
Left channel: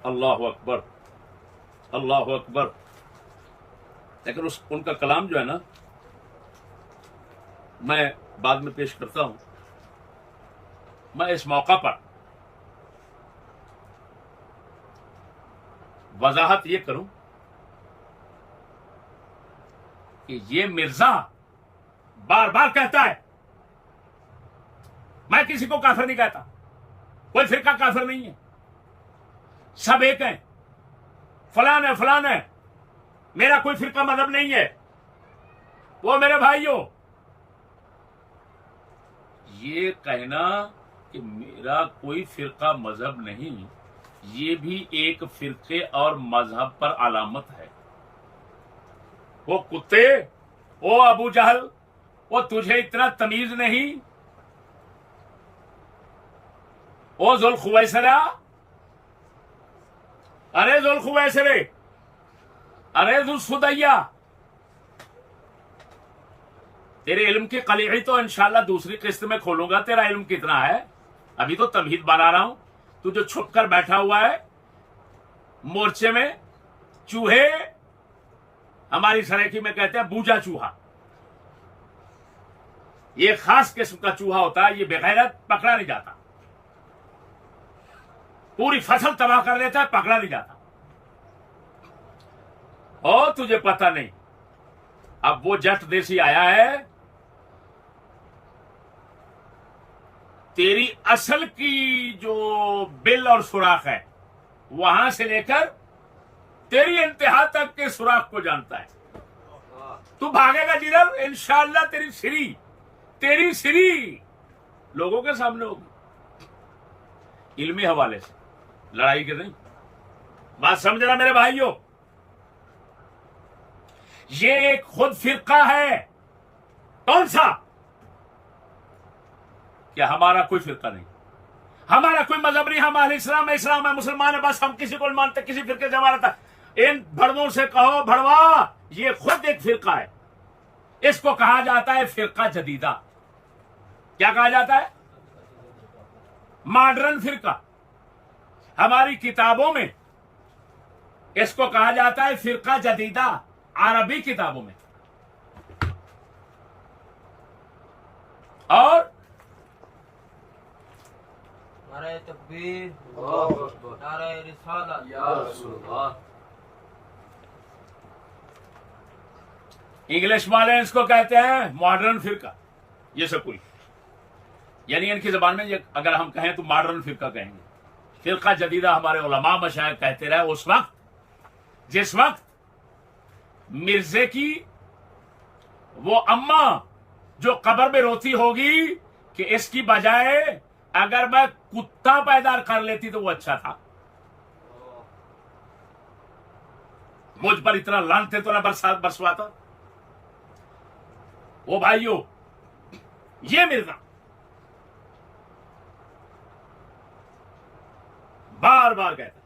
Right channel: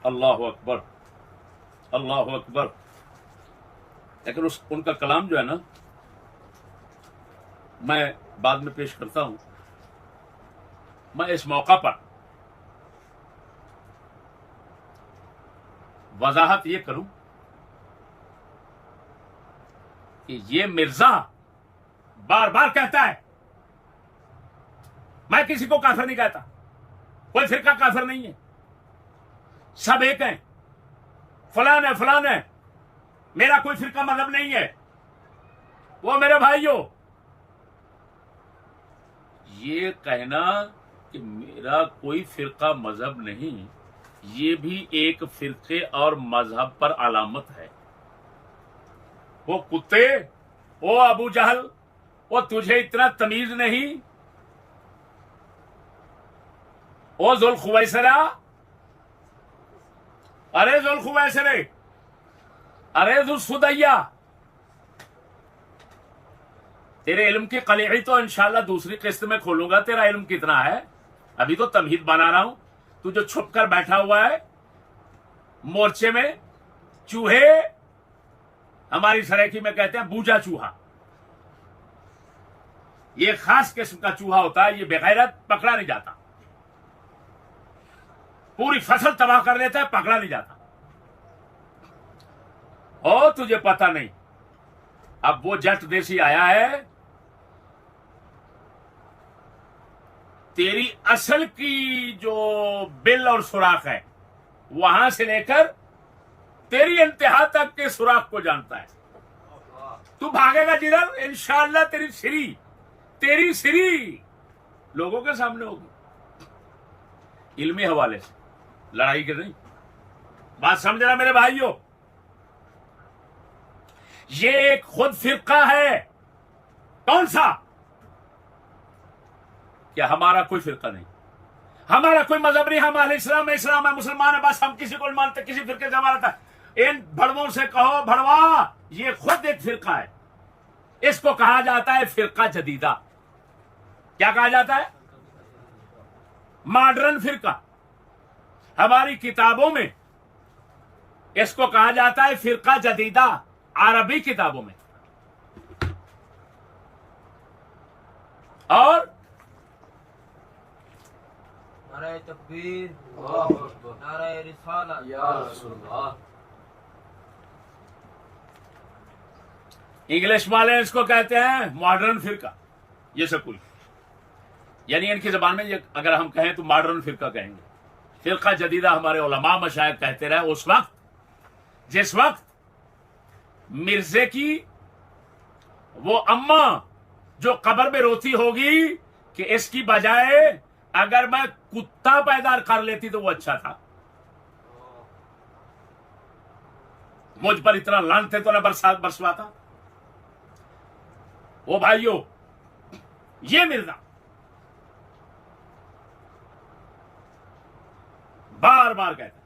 अल्लाह अकबर, अल्लाह अकबर। लेकिन उनका कलाम जो है ना, मैं बाद में पेश करता हूं। मैं इस मौका पर वजाहत ये करूं कि ये मिर्जा बार बार कहता है, मैं किसी को काफिर नहीं कहता, कोई फिरका काफिर नहीं है, सब एक हैं, फलान है फलान है, मेरा कोई फिरका मजहब नहीं है। वो मेरे भाइयों, ये कहना कि मेरा कोई फिरका मजहब नहीं, ये भी एक फिरके और मजहब पर अलामत है। वो कुत्ते, ओ अबू जहल, वो तुझे इतना तमीज नहीं? ओ जुल्खुवैसरा, अरे जुल्खुवैसरे, अरे जुल्सुदैया, तेरे इल्म की कलीड़ी तो इंशाल्लाह दूसरी किस्त में खोलूंगा। तेरा इल्म कितना है, अभी तो तमहीद बना रहा हूं। तू जो छुप कर बैठा हुआ है मोर्चे में, चूहे, हमारी सरायकी में कहते हैं बूजा चूहा, ये खास किस्म का चूहा होता है, ये बेगैरत, पकड़ा नहीं जाता, पूरी फसल तबाह कर लेता है, पकड़ा नहीं जाता। ओ तुझे पता नहीं, अब वो जट देसी आया है, तेरी असल की जो बिल और सुराख है वहां से लेकर तेरी इंतहा तक के सुराख को जानता है। तू भागेगा जिधर, इंशाअल्लाह तेरी सिरी लोगों के सामने होगी, इल्मी हवाले से, लड़ाई के नहीं। बात समझना मेरे भाइयों, ये एक खुद फिरका है। कौन सा? क्या हमारा कोई फिरका नहीं, हमारा कोई मजहब नहीं, हम अहले इस्लाम है, इस्लाम है, मुसलमान है, बस हम किसी को नहीं मानते, किसी फिरके से हमारा था। इन भड़वों से कहो भड़वा, ये खुद एक फिरका है। इसको कहा जाता है फिरका जदीदा। क्या कहा जाता है? मॉडर्न फिरका। हमारी किताबों में इसको कहा जाता है फिरका जदीदा, अरबी किताबों में। और नारे तकबीर, नारे रिसालत, या रसूलल्लाह। इंग्लिश वाले इसको कहते हैं मॉडर्न फिरका, ये सब कोई, यानी इनकी जबान में ये अगर हम कहें तो मॉडर्न फिरका कहेंगे। फिरका जदीदा हमारे उलमा मशाइख कहते रहे उस वक्त जिस वक्त मिर्जे की वो अम्मा जो कब्र में रोती होगी कि इसकी बजाय अगर मैं कुत्ता पैदा कर लेती तो वो अच्छा था, मुझ पर इतना लानते तो ना बरसात बरसवाता। वो भाइयों, ये मिर्जा बार बार कहता है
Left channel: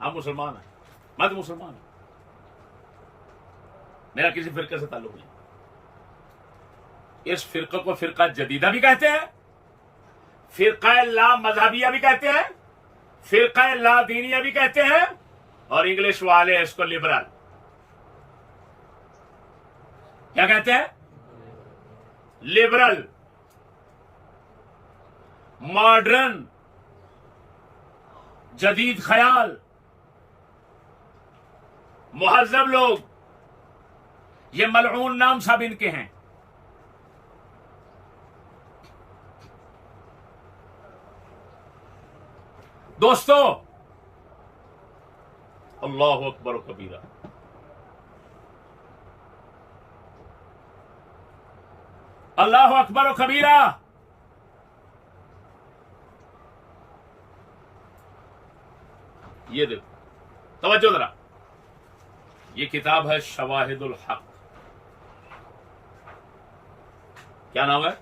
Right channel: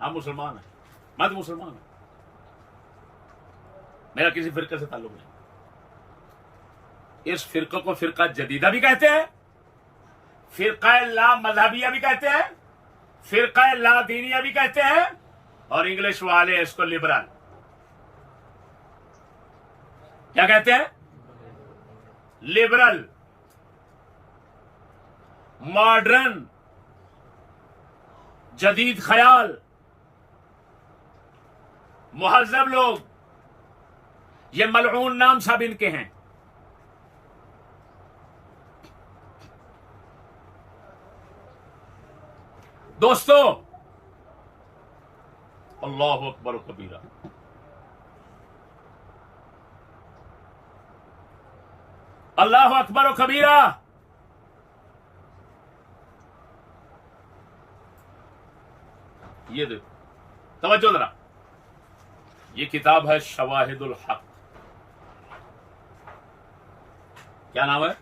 हम मुसलमान हैं, मैं तो मुसलमान हूं, मेरा किसी फिरके से ताल्लुक नहीं। इस फिरके को फिरका जदीदा भी कहते हैं, फिरका ला मजहबिया भी कहते हैं, फिरका ला दीनिया भी कहते हैं, और इंग्लिश वाले इसको लिबरल क्या कहते हैं? लिबरल, मॉडर्न, जदीद ख्याल, मुहज्जब लोग, ये मलऊन नाम सब इनके हैं। दोस्तों, अल्लाहु अकबर कबीरा, अल्लाहु अकबर कबीरा। ये देखो, तवज्जो जरा, ये किताब है शवाहिदुल हक। क्या नाम है?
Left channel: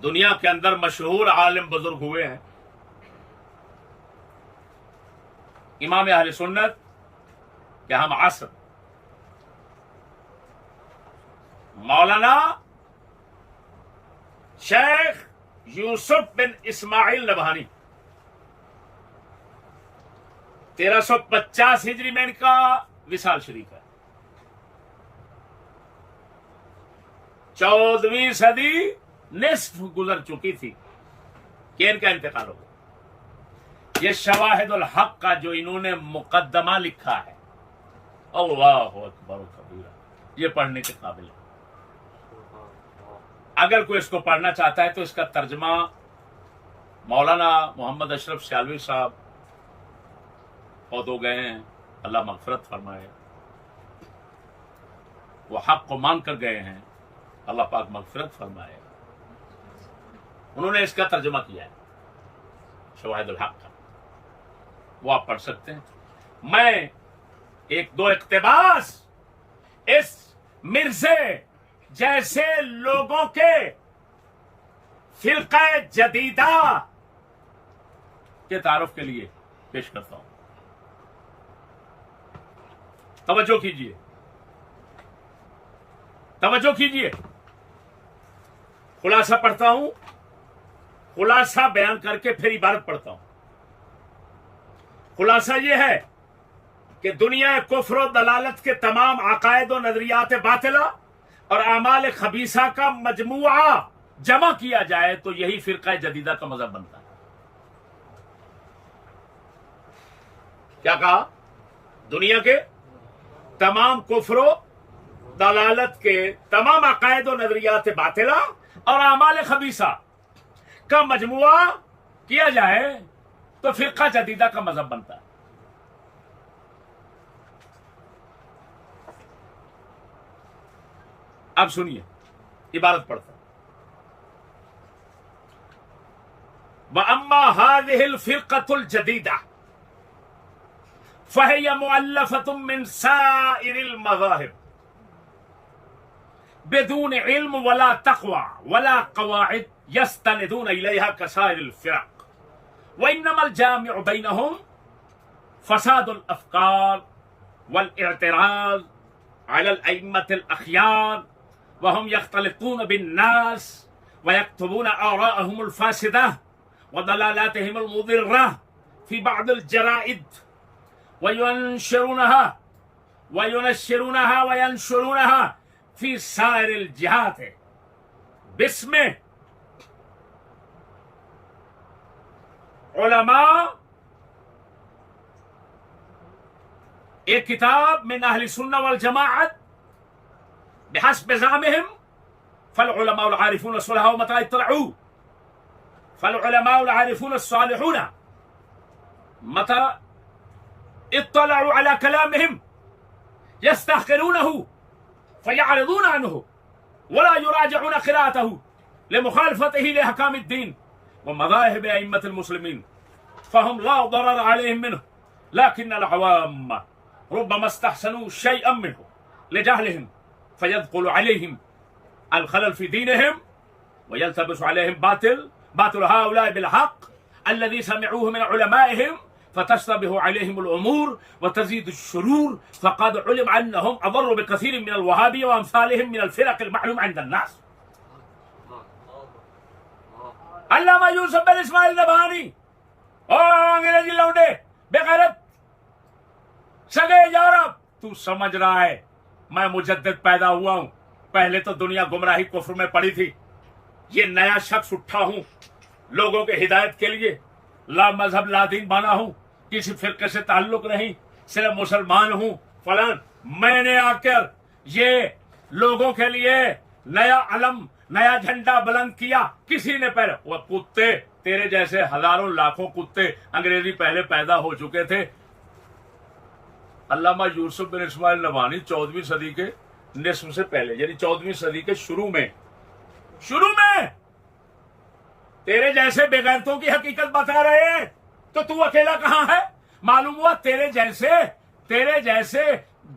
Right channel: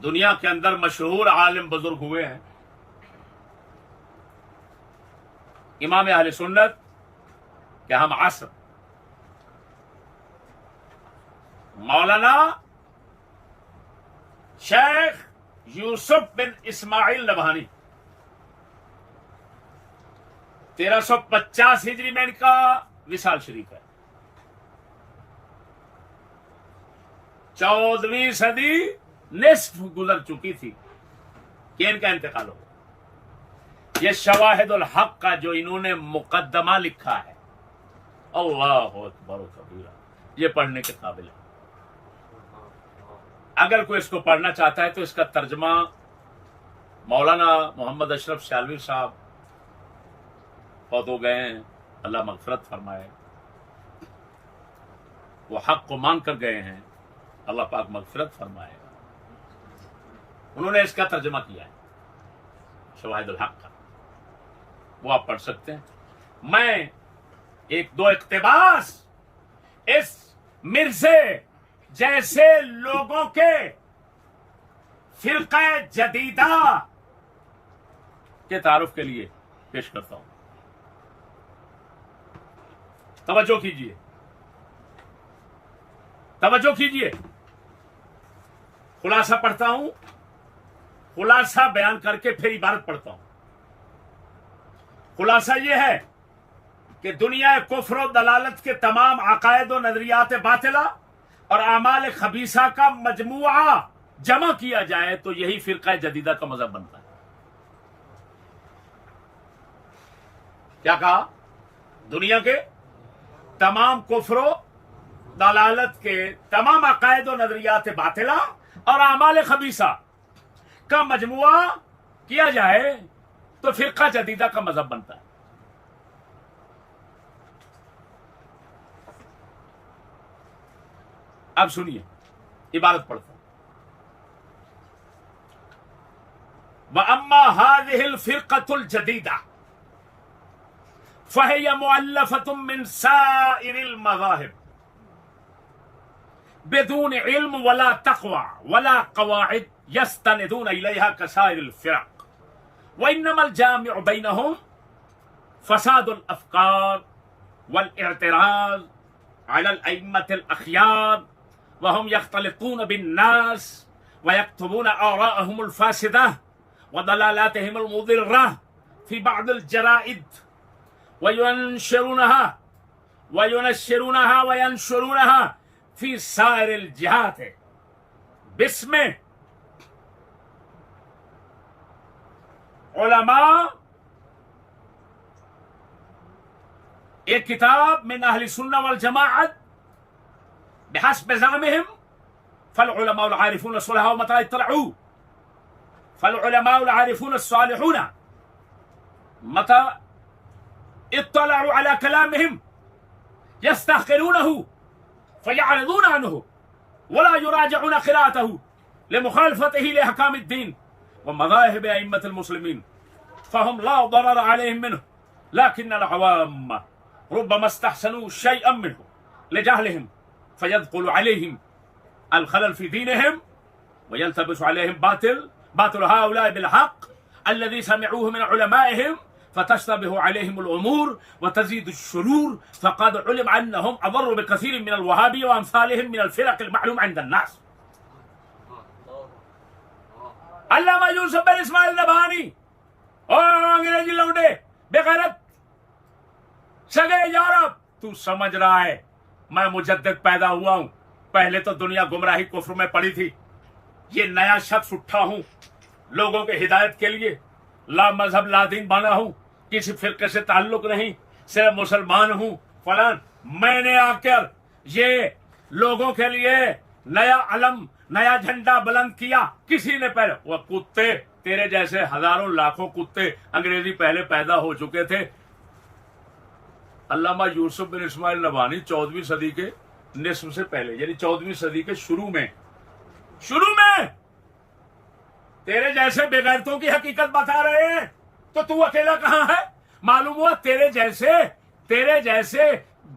दुनिया के अंदर मशहूर आलिम बुजुर्ग हुए हैं इमाम अहले सुन्नत के हम असर मौलाना शेख यूसुफ बिन इस्माइल नबहानी। 1350 हिजरी में इनका विसाल शरीफ है। 14वीं सदी निस्फ गुजर चुकी थी कि इनका इंतकाल हो गया। ये शवाहिदुल हक का जो इन्होंने मुकद्दमा लिखा है, अल्लाहु अकबर कबीरा, ये पढ़ने के काबिल है। अगर कोई इसको पढ़ना चाहता है तो इसका तर्जमा मौलाना मोहम्मद अशरफ सियालवी साहब फौत हो गए हैं, अल्लाह मगफरत फरमाए। वो हक को मांग कर गए हैं, अल्लाह पाक मगफरत फरमाए। उन्होंने इसका तर्जमा किया है शवाहिदुल हक का, वो आप पढ़ सकते हैं। मैं एक दो इक्तिबास इस मिर्जे जैसे लोगों के फिरका जदीदा के तारुफ के लिए पेश करता हूं। तवज्जो कीजिए, तवज्जो कीजिए। खुलासा पढ़ता हूं, खुलासा बयान करके फिर इबारत पढ़ता हूं। खुलासा यह है कि दुनिया कुफ्र और दलालत के तमाम अकायद और नजरियात बातिला और आमाल खबीसा का मजमुआ जमा किया जाए तो यही फिरका जदीदा का मजहब बनता है। क्या कहा? दुनिया के तमाम कुफ्र दलालत के तमाम अकायद और नजरियात बातिला और आमाल खबीसा का मजमुआ किया जाए तो फिरका जदीदा का मजहब बनता है। अब सुनिए, इबारत पढ़ता हूं। व अम्मा हादिहिल फिरकतुल जदीदा फहिय मुअल्लफतुम मिन साइरिल मज़ाहिब बिदून इल्म वला तक़वा वला क़वाइद यस्तनिदून इलैहा कसाइरिल फ़िरक़ व इन्नमल जामिउ बैनहुम फ़सादुल अफ़कार वल इअ्तिराज़ अलल अइम्मतिल अख़यार व हुम यख्तलितून बिन्नास व यक्तुबून आराअहुमुल फ़ासिदा व दलालातिहिमुल मुदिर्रा फ़ी बअदिल जराइद व युनश्शिरूनहा फी साइरिल जिहाद बिस्मे उलमा। एक किताब में अहले सुन्ना वल जमाअत बिहस्ब ज़ामिहिम फल उलमा अल आरिफून अस्सलाह मता इत्तलऊ फल उलमा अल आरिफून अस्सालिहून मता इत्तलऊ अला कलामिहिम यस्तहक़िरूनहु फयअरिज़ून अन्हु वला युराजिऊन क़िराअतहु लिमुख़ालफ़तिही लिअहकामिद्दीन व मज़ाहिब अइम्मतिल मुस्लिमीन फ़हुम ला दरर अलैहिम मिन्हु लकिन्नल अवाम रुब्बमा इस्तहसनू शयअन मिन्हु लिजहलिहिम फयदख़ुलु अलैहिम अल ख़लल फ़ी दीनिहिम व यल्तबिसु अलैहिम बातिल हाउलाइ बिल हक़ अल्लज़ी समिऊहु मिन उलमाइहिम फ़तश्तबिहु अलैहिमुल उमूर व तज़ीदु शुरूर फ़क़द उलिम अन्नहुम अदर्रु बिकसीर मिनल वहाबिय्या व अम्सालिहिम मिनल फ़िरक़िल मअलूम इंदन नास। अल्लामा यूसुफ बिन इस्माइल नबहानी, ओ अंग्रेजी लौंडे बेगैरत सगे यूरोप, तू समझ रहा है मैं मुजद्दिद पैदा हुआ हूं, पहले तो दुनिया गुमराही कुफ्र में पड़ी थी, ये नया शख्स उठा हूं लोगों के हिदायत के लिए, ला मजहब ला दीन बना हूं, किसी फिरके से ताल्लुक नहीं, सिर्फ मुसलमान हूं फलान। मैंने आकर ये लोगों के लिए नया अलम नया झंडा बुलंद किया, किसी ने पहले, वो कुत्ते तेरे जैसे हजारों लाखों कुत्ते अंग्रेजी पहले पैदा हो चुके थे। अल्लामा यूसुफ बिन इस्माइल नबहानी 14वीं सदी के निस्फ से पहले यानी 14वीं सदी के शुरू में तेरे जैसे बेगैरतों की हकीकत बता रहे हैं, तो तू अकेला कहां है? मालूम हुआ तेरे जैसे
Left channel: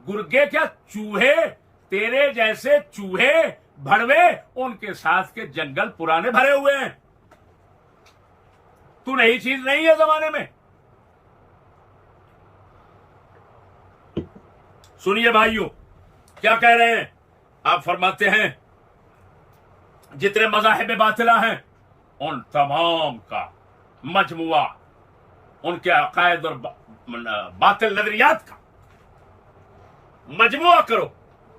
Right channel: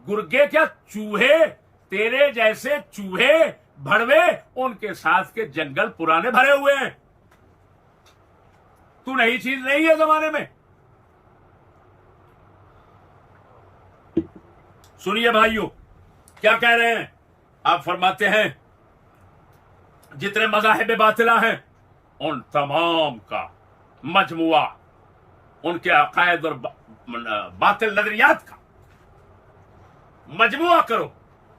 गुर्गे क्या चूहे, तेरे जैसे चूहे भड़वे उनके साथ के जंगल पुराने भरे हुए हैं। तू नई चीज नहीं है जमाने में। सुनिए भाइयों क्या कह रहे हैं। आप फरमाते हैं जितने मज़ाहिब बातिला हैं उन तमाम का मजमुआ, उनके अकायद और बातिल नजरियात का मजमुआ करो,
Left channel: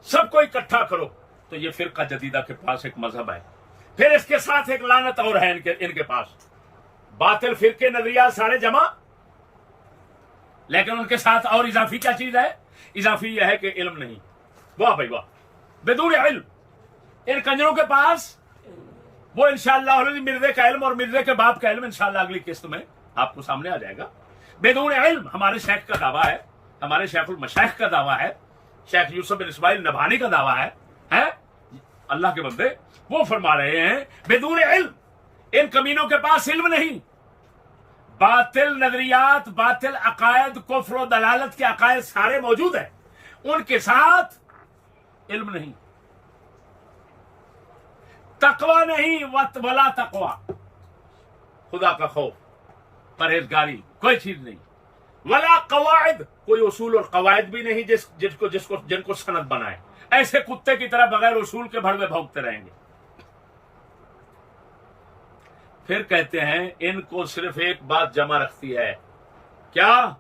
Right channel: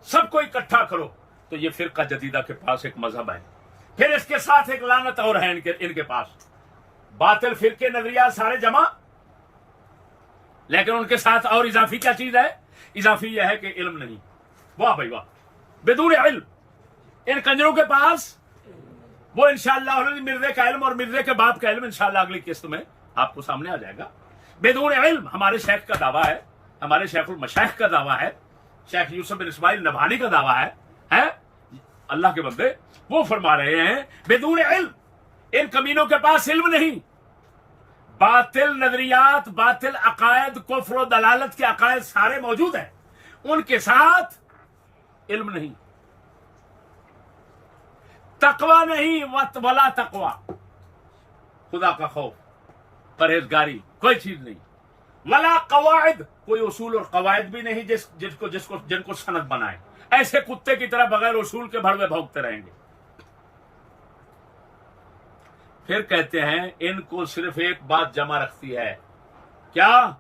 सबको इकट्ठा करो, तो ये फिरका जदीदा के पास एक मजहब है। फिर इसके साथ एक लानत और है इनके पास, बातिल फिरके नजरियात सारे जमा, लेकिन उनके साथ और इजाफी क्या चीज है? इजाफी यह है कि इल्म नहीं। वाह भाई वाह, बेदून इल्म इन कंजरों के पास वो इंशाअल्लाह मिर्जे का इल्म और मिर्जे के बाप का इल्म इंशाअल्लाह अगली किस्त में आपको सामने आ जाएगा। बेदून इल्म हमारे शेख का दावा है, हमारे शेखुल मशाइख का दावा है, शेख यूसुफ बिन इस्माइल नबहानी का दावा है अल्लाह के बंदे वो फरमा रहे हैं बेदून इल्म इन कमीनों के पास इल्म नहीं, बातिल नजरियात, बातिल अकायद, कुफ्र और दलालत के अकायद सारे मौजूद हैं, उनके साथ इल्म नहीं, तकवा नहीं, वला तकवा, खुदा का खौफ, परहेजगारी, कोई चीज नहीं, वला कवायद, कोई उसूल और कवायद भी नहीं जिनको सनद बनाए। ऐसे कुत्ते की तरह बगैर उसूल के भड़वे भौंकते रहेंगे। फिर कहते हैं इनको सिर्फ एक बात जमा रखती है, क्या?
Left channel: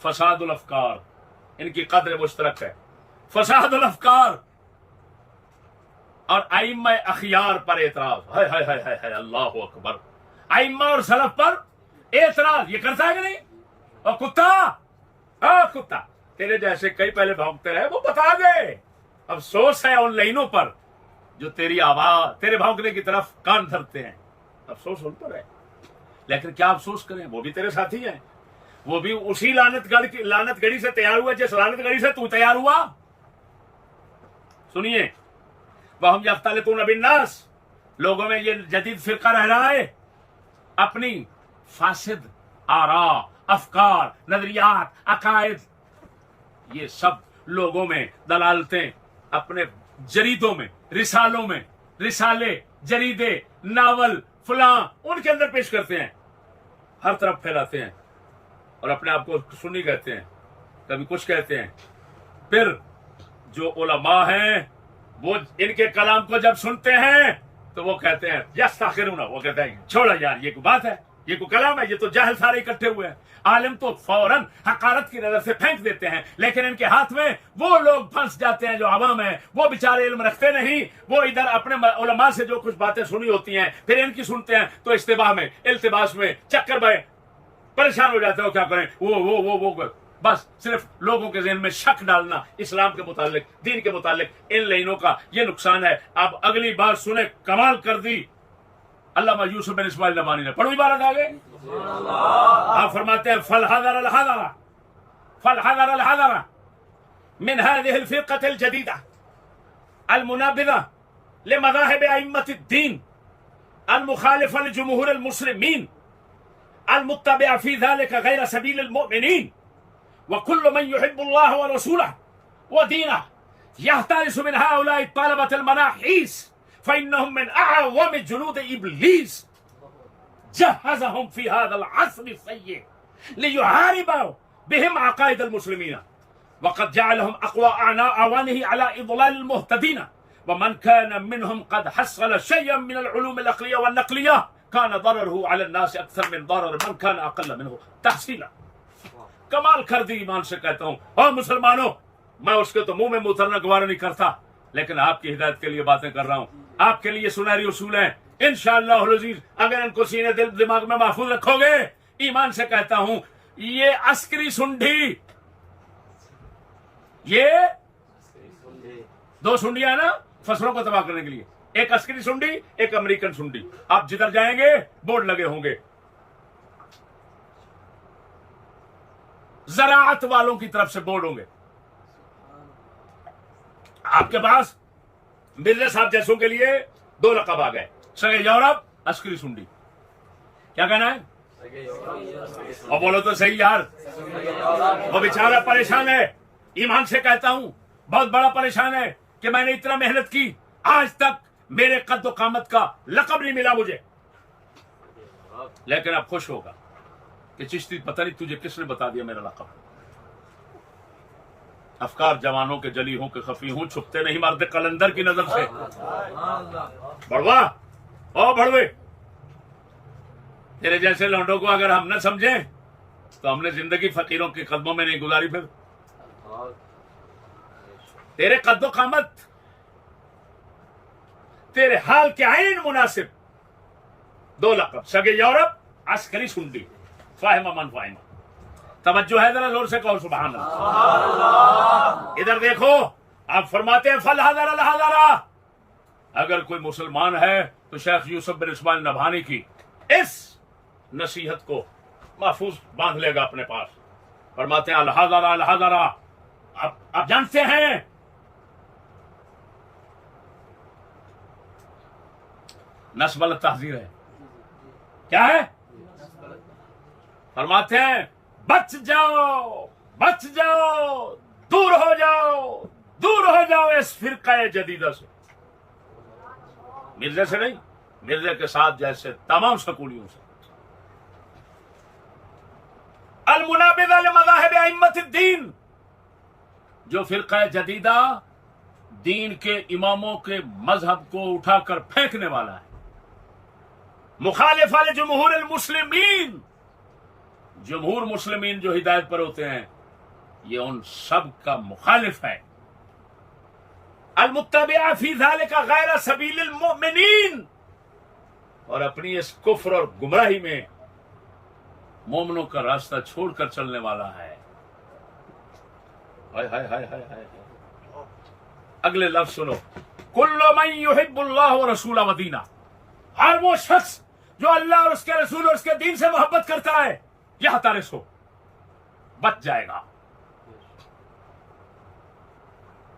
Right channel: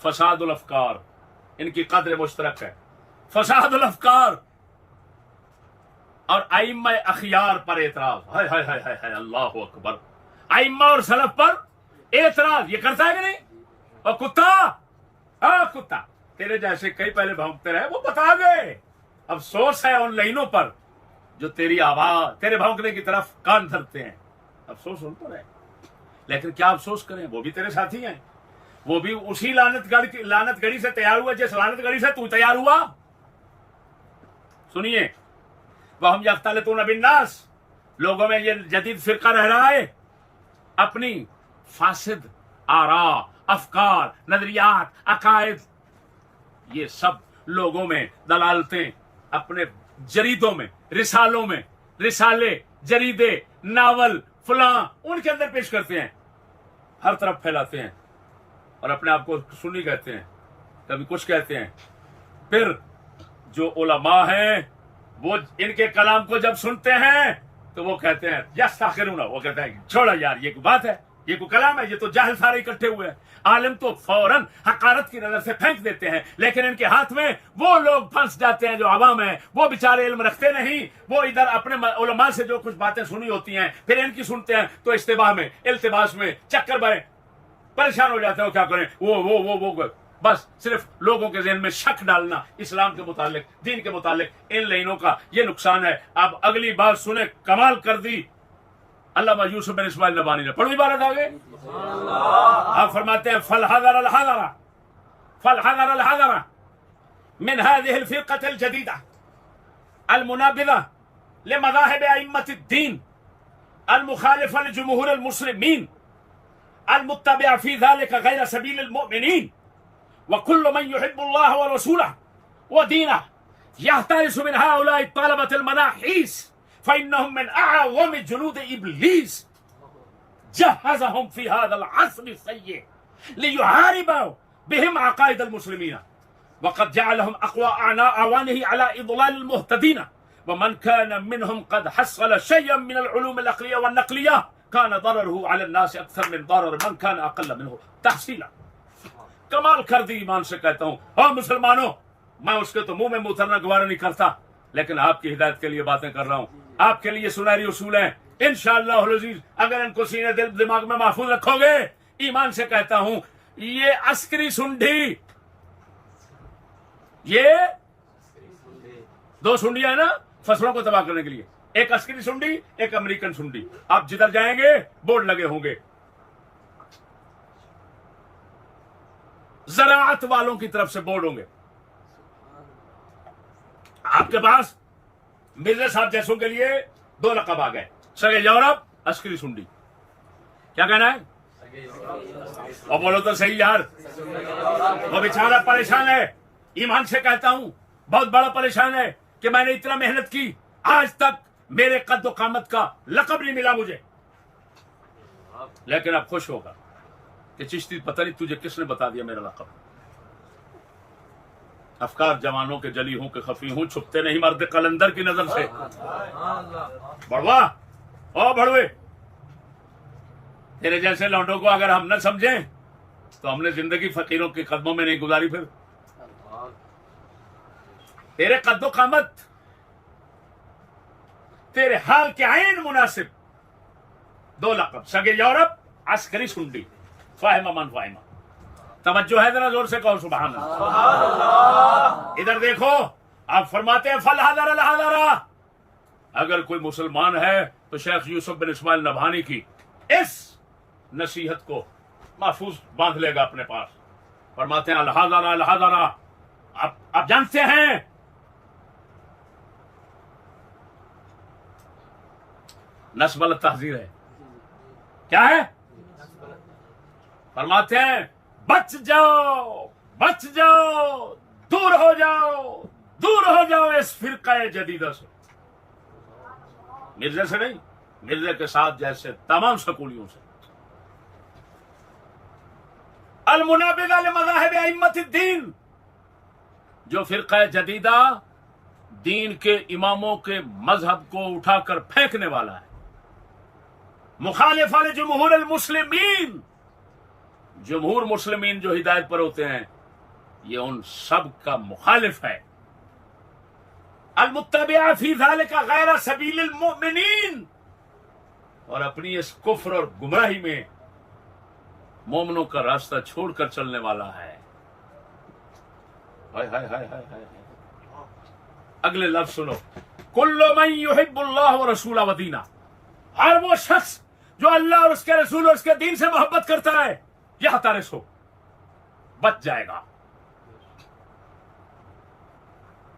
फसादुल अफकार, इनकी कद्र मुश्तरक है, फसादुल अफकार और आइम्मा अखियार पर एतराज। हाय हाय हाय हाय, अल्लाह अकबर। आइम्मा और सलफ पर एतराज ये करता है कि नहीं? और कुत्ता तेरे जैसे कई पहले भौंकते रहे, वो बता गए। अफसोस है उन लाइनों पर जो तेरी आवाज, तेरे भौंकने की तरफ कान धरते हैं, अफसोस उन पर है। लेकिन क्या अफसोस करें, वो भी तेरे साथी हैं, वो भी उसी लानत गढ़ी से तैयार हुआ जिस लानत गढ़ी से तू तैयार हुआ। सुनिए, वह हम यख्तलितून बिन्नास, लोगों में ये जदीद फिरका रह रहा है, अपनी फासिद आरा, अफकार, नजरियात, अकायद, ये सब लोगों में दलालतें अपने जरीदों में, रिसालों में, रिसाले, जरीदे, नावल, फलां उनके अंदर पेश करते हैं, हर तरफ फैलाते हैं और अपने आप को सुन्नी कहते हैं, कभी कुछ कहते हैं। फिर जो उलमा हैं वो इनके कलाम को जब सुनते हैं तो वो कहते हैं यस्ताखिरूना, वो कहते हैं छोड़ो यार, ये कोई बात है, ये कोई कलाम है, ये तो जाहिल सारे इकट्ठे हुए हैं। आलिम तो फौरन हकारत की नजर से फेंक देते हैं, लेकिन इनके हाथ में वो लोग फंस जाते हैं जो अवाम है, वो बेचारे इल्म रखते नहीं, वो इधर अपने उलमा से जो कुछ बातें सुनी होती हैं फिर इनकी सुनते हैं तो इस्तिबाह में, इल्तिबास में, चक्कर में परेशान हो जाते हो। क्या करें, वो बस सिर्फ लोगों के ज़हन में शक डालना इस्लाम के मुतालिक, दीन के मुतालिक, इन लाइनों का ये नुकसान है। अब अगली बात सुने, कमाल कर दी अल्लामा यूसुफ बिन इस्माइल नबानी ने। पढ़ो इबारत आगे। आप फरमाते हैं फल हज़र अल हज़रा मिन हाज़िहिल फ़िरक़तिल जदीदा अल मुनाबिज़ा लिमज़ाहिब अइम्मतिद्दीन अल मुखालिफ़ा लिजुमहूरिल मुस्लिमीन अल मुत्तबिअ फ़ी ज़ालिका गैर सबीलिल मुमिनीन व कुल्लु मन युहिब्बुल्लाह व रसूलहु व दीनहु यहतरिसु मिन हाउलाइ तलबतिल मनाहीस फ़इन्नहुम मिन अअज़्ज़मि जुनूद इब्लीस जहज़हुम फ़ी हाज़ल अस्रि सय्यि लियुहारिबु बिहिम अक़ाइदल मुस्लिमीन व क़द जअलहुम अक़वा अवानिहि अला इज़लालिल मुहतदीन व मन कान मिनहुम क़द हस्सल शय्यन मिनल उलूमिल अक़लिय्या वन नक़लिय्या कान दररुहु अला नास अक्सर मिन दरर मन कान अक़ल्ल मिनहु तहसीला। कमाल कर दी, ईमान से कहता हूं, और मुसलमानों, मैं उसके तो मुंह में मुंह उतरना गवारा नहीं करता, लेकिन आपकी हिदायत के लिए बातें कर रहा हूं। आपके लिए सुनहरी उसूल हैं, इंशाअल्लाह अज़ीज़, अगर इनको सीने दिल दिमाग में महफूज रखोगे, ईमान से कहता हूं, ये अस्करी सुंडी, ये दो सुंडियां है ना फसलों को तबाह करने के लिए, एक अस्करी सुंडी, एक अमेरिकन सुंडी। आप जिधर जाएंगे बोर्ड लगे होंगे, ज़राअत वालों की तरफ से बोर्ड होंगे। आपके पास मिर्जा साहब जैसों के लिए दो लक़ब आ गए, सगे यूरोप, अस्करी सुंडी। क्या कहना है? और बोलो तो सही यार। वो बेचारा परेशान है, ईमान से कहता हूं बहुत बड़ा परेशान है कि मैंने इतना मेहनत की, आज तक मेरे कद्दो कामत का लक़ब नहीं मिला मुझे, लेकिन अब खुश होगा कि चिश्ती पता नहीं तुझे किसने बता दिया मेरा लक़ब। अफकार जवानों के जली हूं कि खफी हूं, छुपते नहीं मर्द कलंदर की नजर से। बड़वा ओ बड़वे, तेरे जैसे लौंडों को अगर हम न समझें तो हमने जिंदगी फकीरों के कदमों में नहीं गुजारी। फिर तेरे कद्दो कामत, तेरे हाल के आइन मुनासिब दो लक़ब, सगे यूरोप, अस्करी सुंडी, फाहिमा मन फाहिमा। तवज्जो है, जरा जोर से कहो सुभान अल्लाह। इधर देखो, आप फरमाते हैं फल हज़र अल हज़रा। अगर कोई मुसलमान है तो शेख यूसुफ बिन इस्माइल नभानी की इस नसीहत को महफूज बांध लेगा अपने पास। फरमाते हैं अल हज़रा अल हज़रा। आप जानते हैं नस्बल तहज़ीर है, क्या है? फरमाते हैं बच जाओ, बच जाओ, दूर हो जाओ, दूर हो जाओ इस फिरका जदीदा से। मिर्जे से नहीं, मिर्जे के साथ जैसे तमाम स्कूलियों से। अल मुनाबिज़ा लिमज़ाहिब अइम्मतिद्दीन, जो फिरका जदीदा दीन के इमामों के मजहब को उठाकर फेंकने वाला है। मुखालिफ़ा लिजुमहूरिल मुस्लिमीन, जमहूर मुस्लिमीन जो हिदायत पर होते हैं ये उन सब का मुखालिफ है। अल मुत्तबिअ फी ज़ालिका गैर सबीलिल मुमिनीन, और अपनी इस कुफ्र और गुमराही में मोमिनों का रास्ता छोड़कर चलने वाला है। हाय हाय हाय हाय हाय। अगले लफ्ज सुनो, कुल्लु मन युहिब्बुल्लाह व रसूलहु व दीनहु, हर वो शख्स जो अल्लाह और उसके रसूल और उसके दीन से मोहब्बत करता है, यह तारिस हो, बच जाएगा।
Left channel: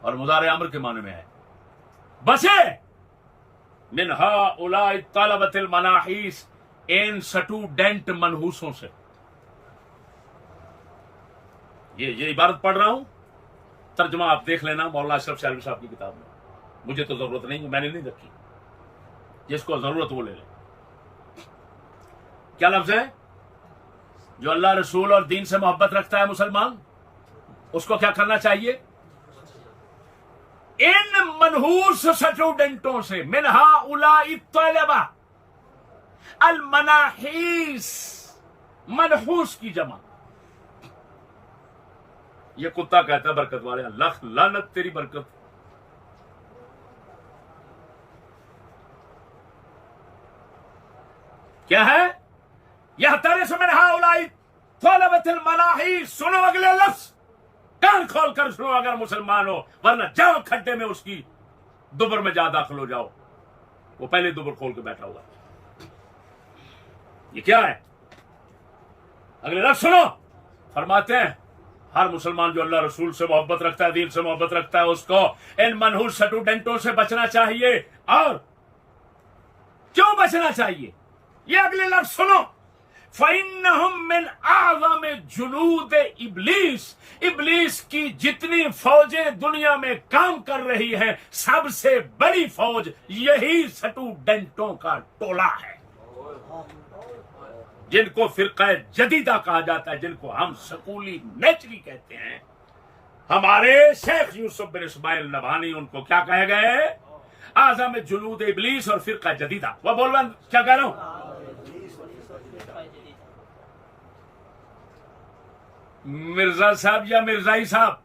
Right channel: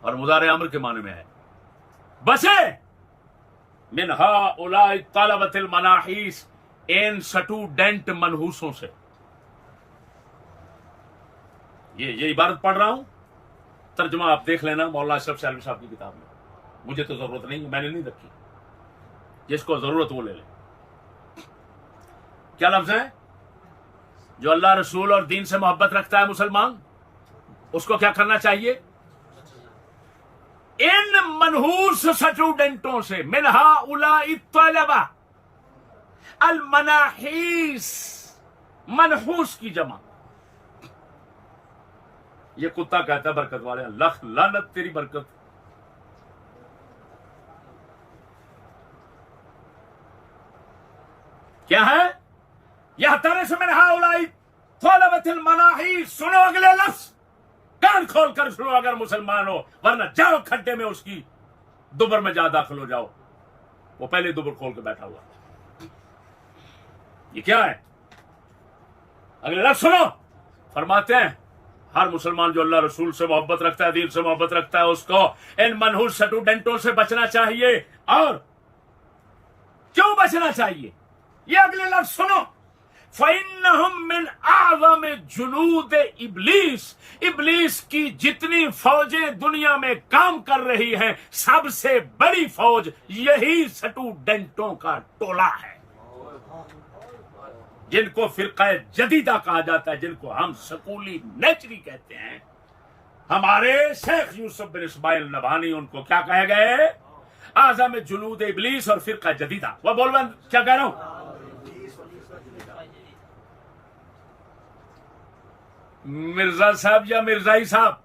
और मुदारे अम्र के माने में है बसे। मिन हाउलाई तलबतिल मनाहीस, इन स्टूडेंट मनहूसों से। ये इबारत पढ़ रहा हूं, तर्जुमा आप देख लेना मौलाना अशरफ साहब की किताब में। मुझे तो जरूरत नहीं है, मैंने नहीं रखी, जिसको जरूरत वो ले ले। क्या लफ्ज है? जो अल्लाह रसूल और दीन से मोहब्बत रखता है मुसलमान, उसको क्या करना चाहिए? इन मनहूस स्टूडेंटों से, मिनहा उलाई तलबा, अल मनाहीस, मनहूस की जमा। ये कुत्ता कहता है बरकत वाले, लख लानत तेरी बरकत। क्या है? यह तरह से मिनहा उलाई तलबतल मनाहीस। सुनो अगले लफ्ज, कान खोल कर सुनो अगर मुसलमान हो, वरना जाओ खड्डे में उसकी दुबर में जा दाखिल हो जाओ। वो पहले दुबर खोल के बैठा हुआ है। ये क्या है? अगले लफ्ज सुनो, फरमाते हैं हर मुसलमान जो अल्लाह रसूल से मोहब्बत रखता है, दीन से मोहब्बत रखता है, उसको इन मनहूस स्टूडेंटों से बचना चाहिए। और क्यों बचना चाहिए? ये अगले लफ्ज सुनो, फ़इन्नहुम मिन आज़म जुनूद इब्लीस। इब्लीस की जितनी फौजें दुनिया में काम कर रही हैं, सबसे बड़ी फौज यही स्टूडेंटों का टोला है, जिनको फिरका जदीदा कहा जाता है, जिनको हम स्कूली नेचरी कहते हैं। हमारे शेख यूसुफ बिन इस्माइल नभानी उनको क्या कहे गए? आज़म जुनूद इब्लीस और फिरका जदीदा। वह बोल रहा क्या कह रहा हूं? मिर्जा साहब या मिर्जाई साहब,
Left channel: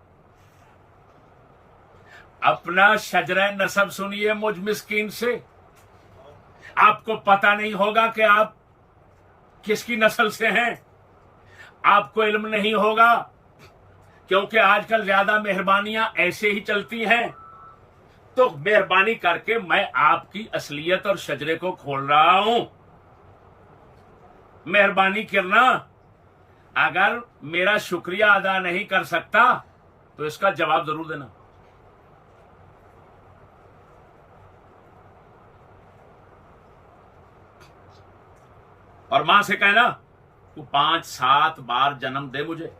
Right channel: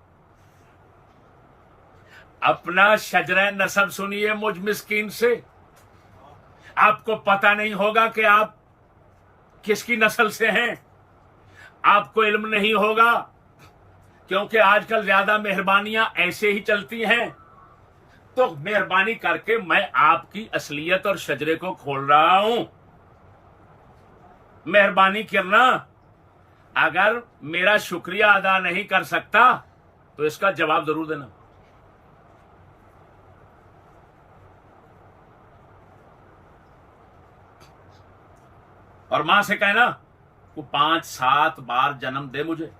अपना शजरा नसब सुनिए मुझ मिस्कीन से। आपको पता नहीं होगा कि आप किसकी नस्ल से हैं, आपको इल्म नहीं होगा, क्योंकि आजकल ज्यादा मेहरबानियां ऐसे ही चलती हैं। तो मेहरबानी करके मैं आपकी असलियत और शजरे को खोल रहा हूं। मेहरबानी करना, अगर मेरा शुक्रिया अदा नहीं कर सकता तो इसका जवाब जरूर देना। और मां से कहना तू 5-7 बार जन्म दे मुझे,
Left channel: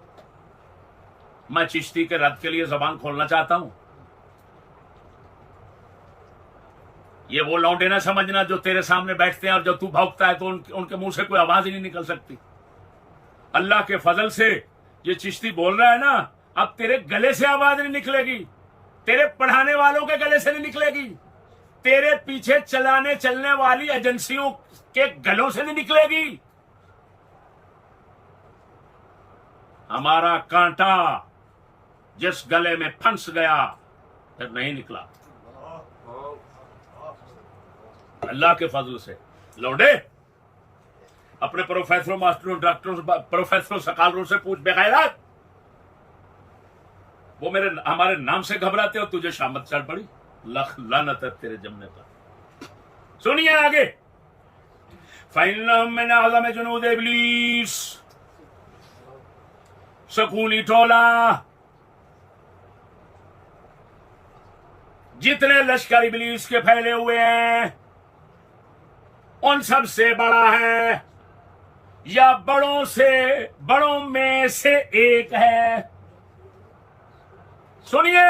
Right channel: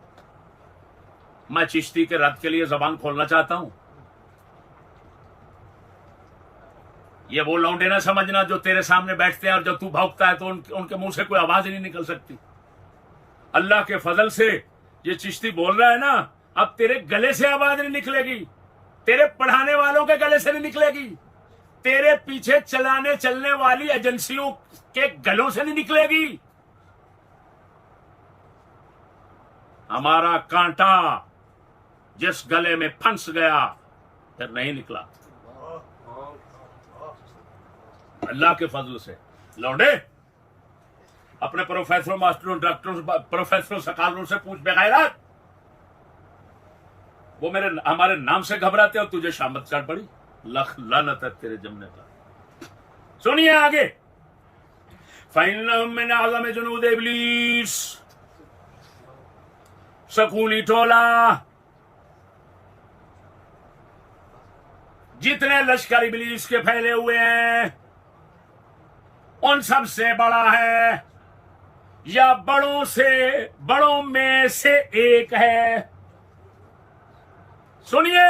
मैं चिश्ती के रद्द के लिए जबान खोलना चाहता हूं। ये वो लौंडे ना समझना जो तेरे सामने बैठते हैं और जब तू भौंकता है तो उनके मुंह से कोई आवाज ही नहीं निकल सकती। अल्लाह के फजल से ये चिश्ती बोल रहा है ना, अब तेरे गले से आवाज नहीं निकलेगी, तेरे पढ़ाने वालों के गले से नहीं निकलेगी, तेरे पीछे चलने वाली एजेंसियों के गलों से नहीं निकलेगी। हमारा कांटा जिस गले में फंस गया फिर नहीं निकला, अल्लाह के फजल से। लौंडे अपने प्रोफेसरों, मास्टरों, डॉक्टरों, प्रोफेसरों, सकालरों से पूछ बेगैरत, वो हमारे नाम से घबराते हो, तुझे शामत चढ़ पड़ी, लख लानत है तेरे जमने पर। सुनिए आगे, फ़इन्नहुम मिन आज़म जुनूद इब्लीस, स्कूली टोला, जितने लश्कर इब्लीस के फैले हुए हैं उन सब से बड़ा है, या बड़ों में से एक है। सुनिए,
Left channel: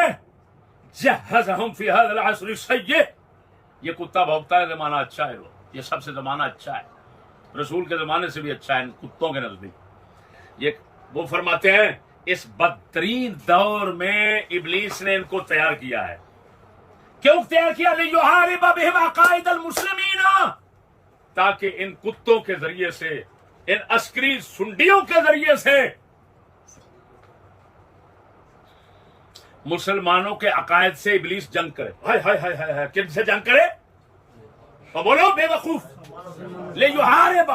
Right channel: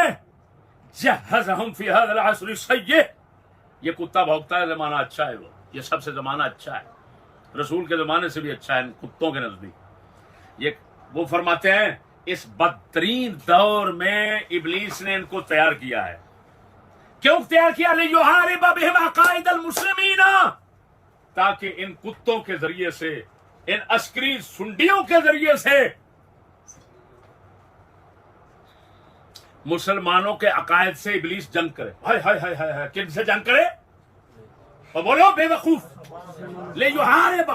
जहज़हुम फी हाज़िल अस्र सय्य्य। ये कुत्ता भौंकता है, जमाना अच्छा है, ये सबसे जमाना अच्छा है, रसूल के जमाने से भी अच्छा है कुत्तों के नजदीक। ये वो फरमाते हैं इस बदतरीन दौर में इब्लीस ने इनको तैयार किया है। क्यों तैयार किया? लियुहारिब बिहिम अकाइदल मुस्लिमीन, ताकि इन कुत्तों के जरिए से, इन अस्करी सुंडियों के जरिए से मुसलमानों के अकायद से इब्लीस जंग करे। हाय हाय हाय हाय हाय, किन से जंग करे? तो बोलो बेवकूफ, लियुहारिब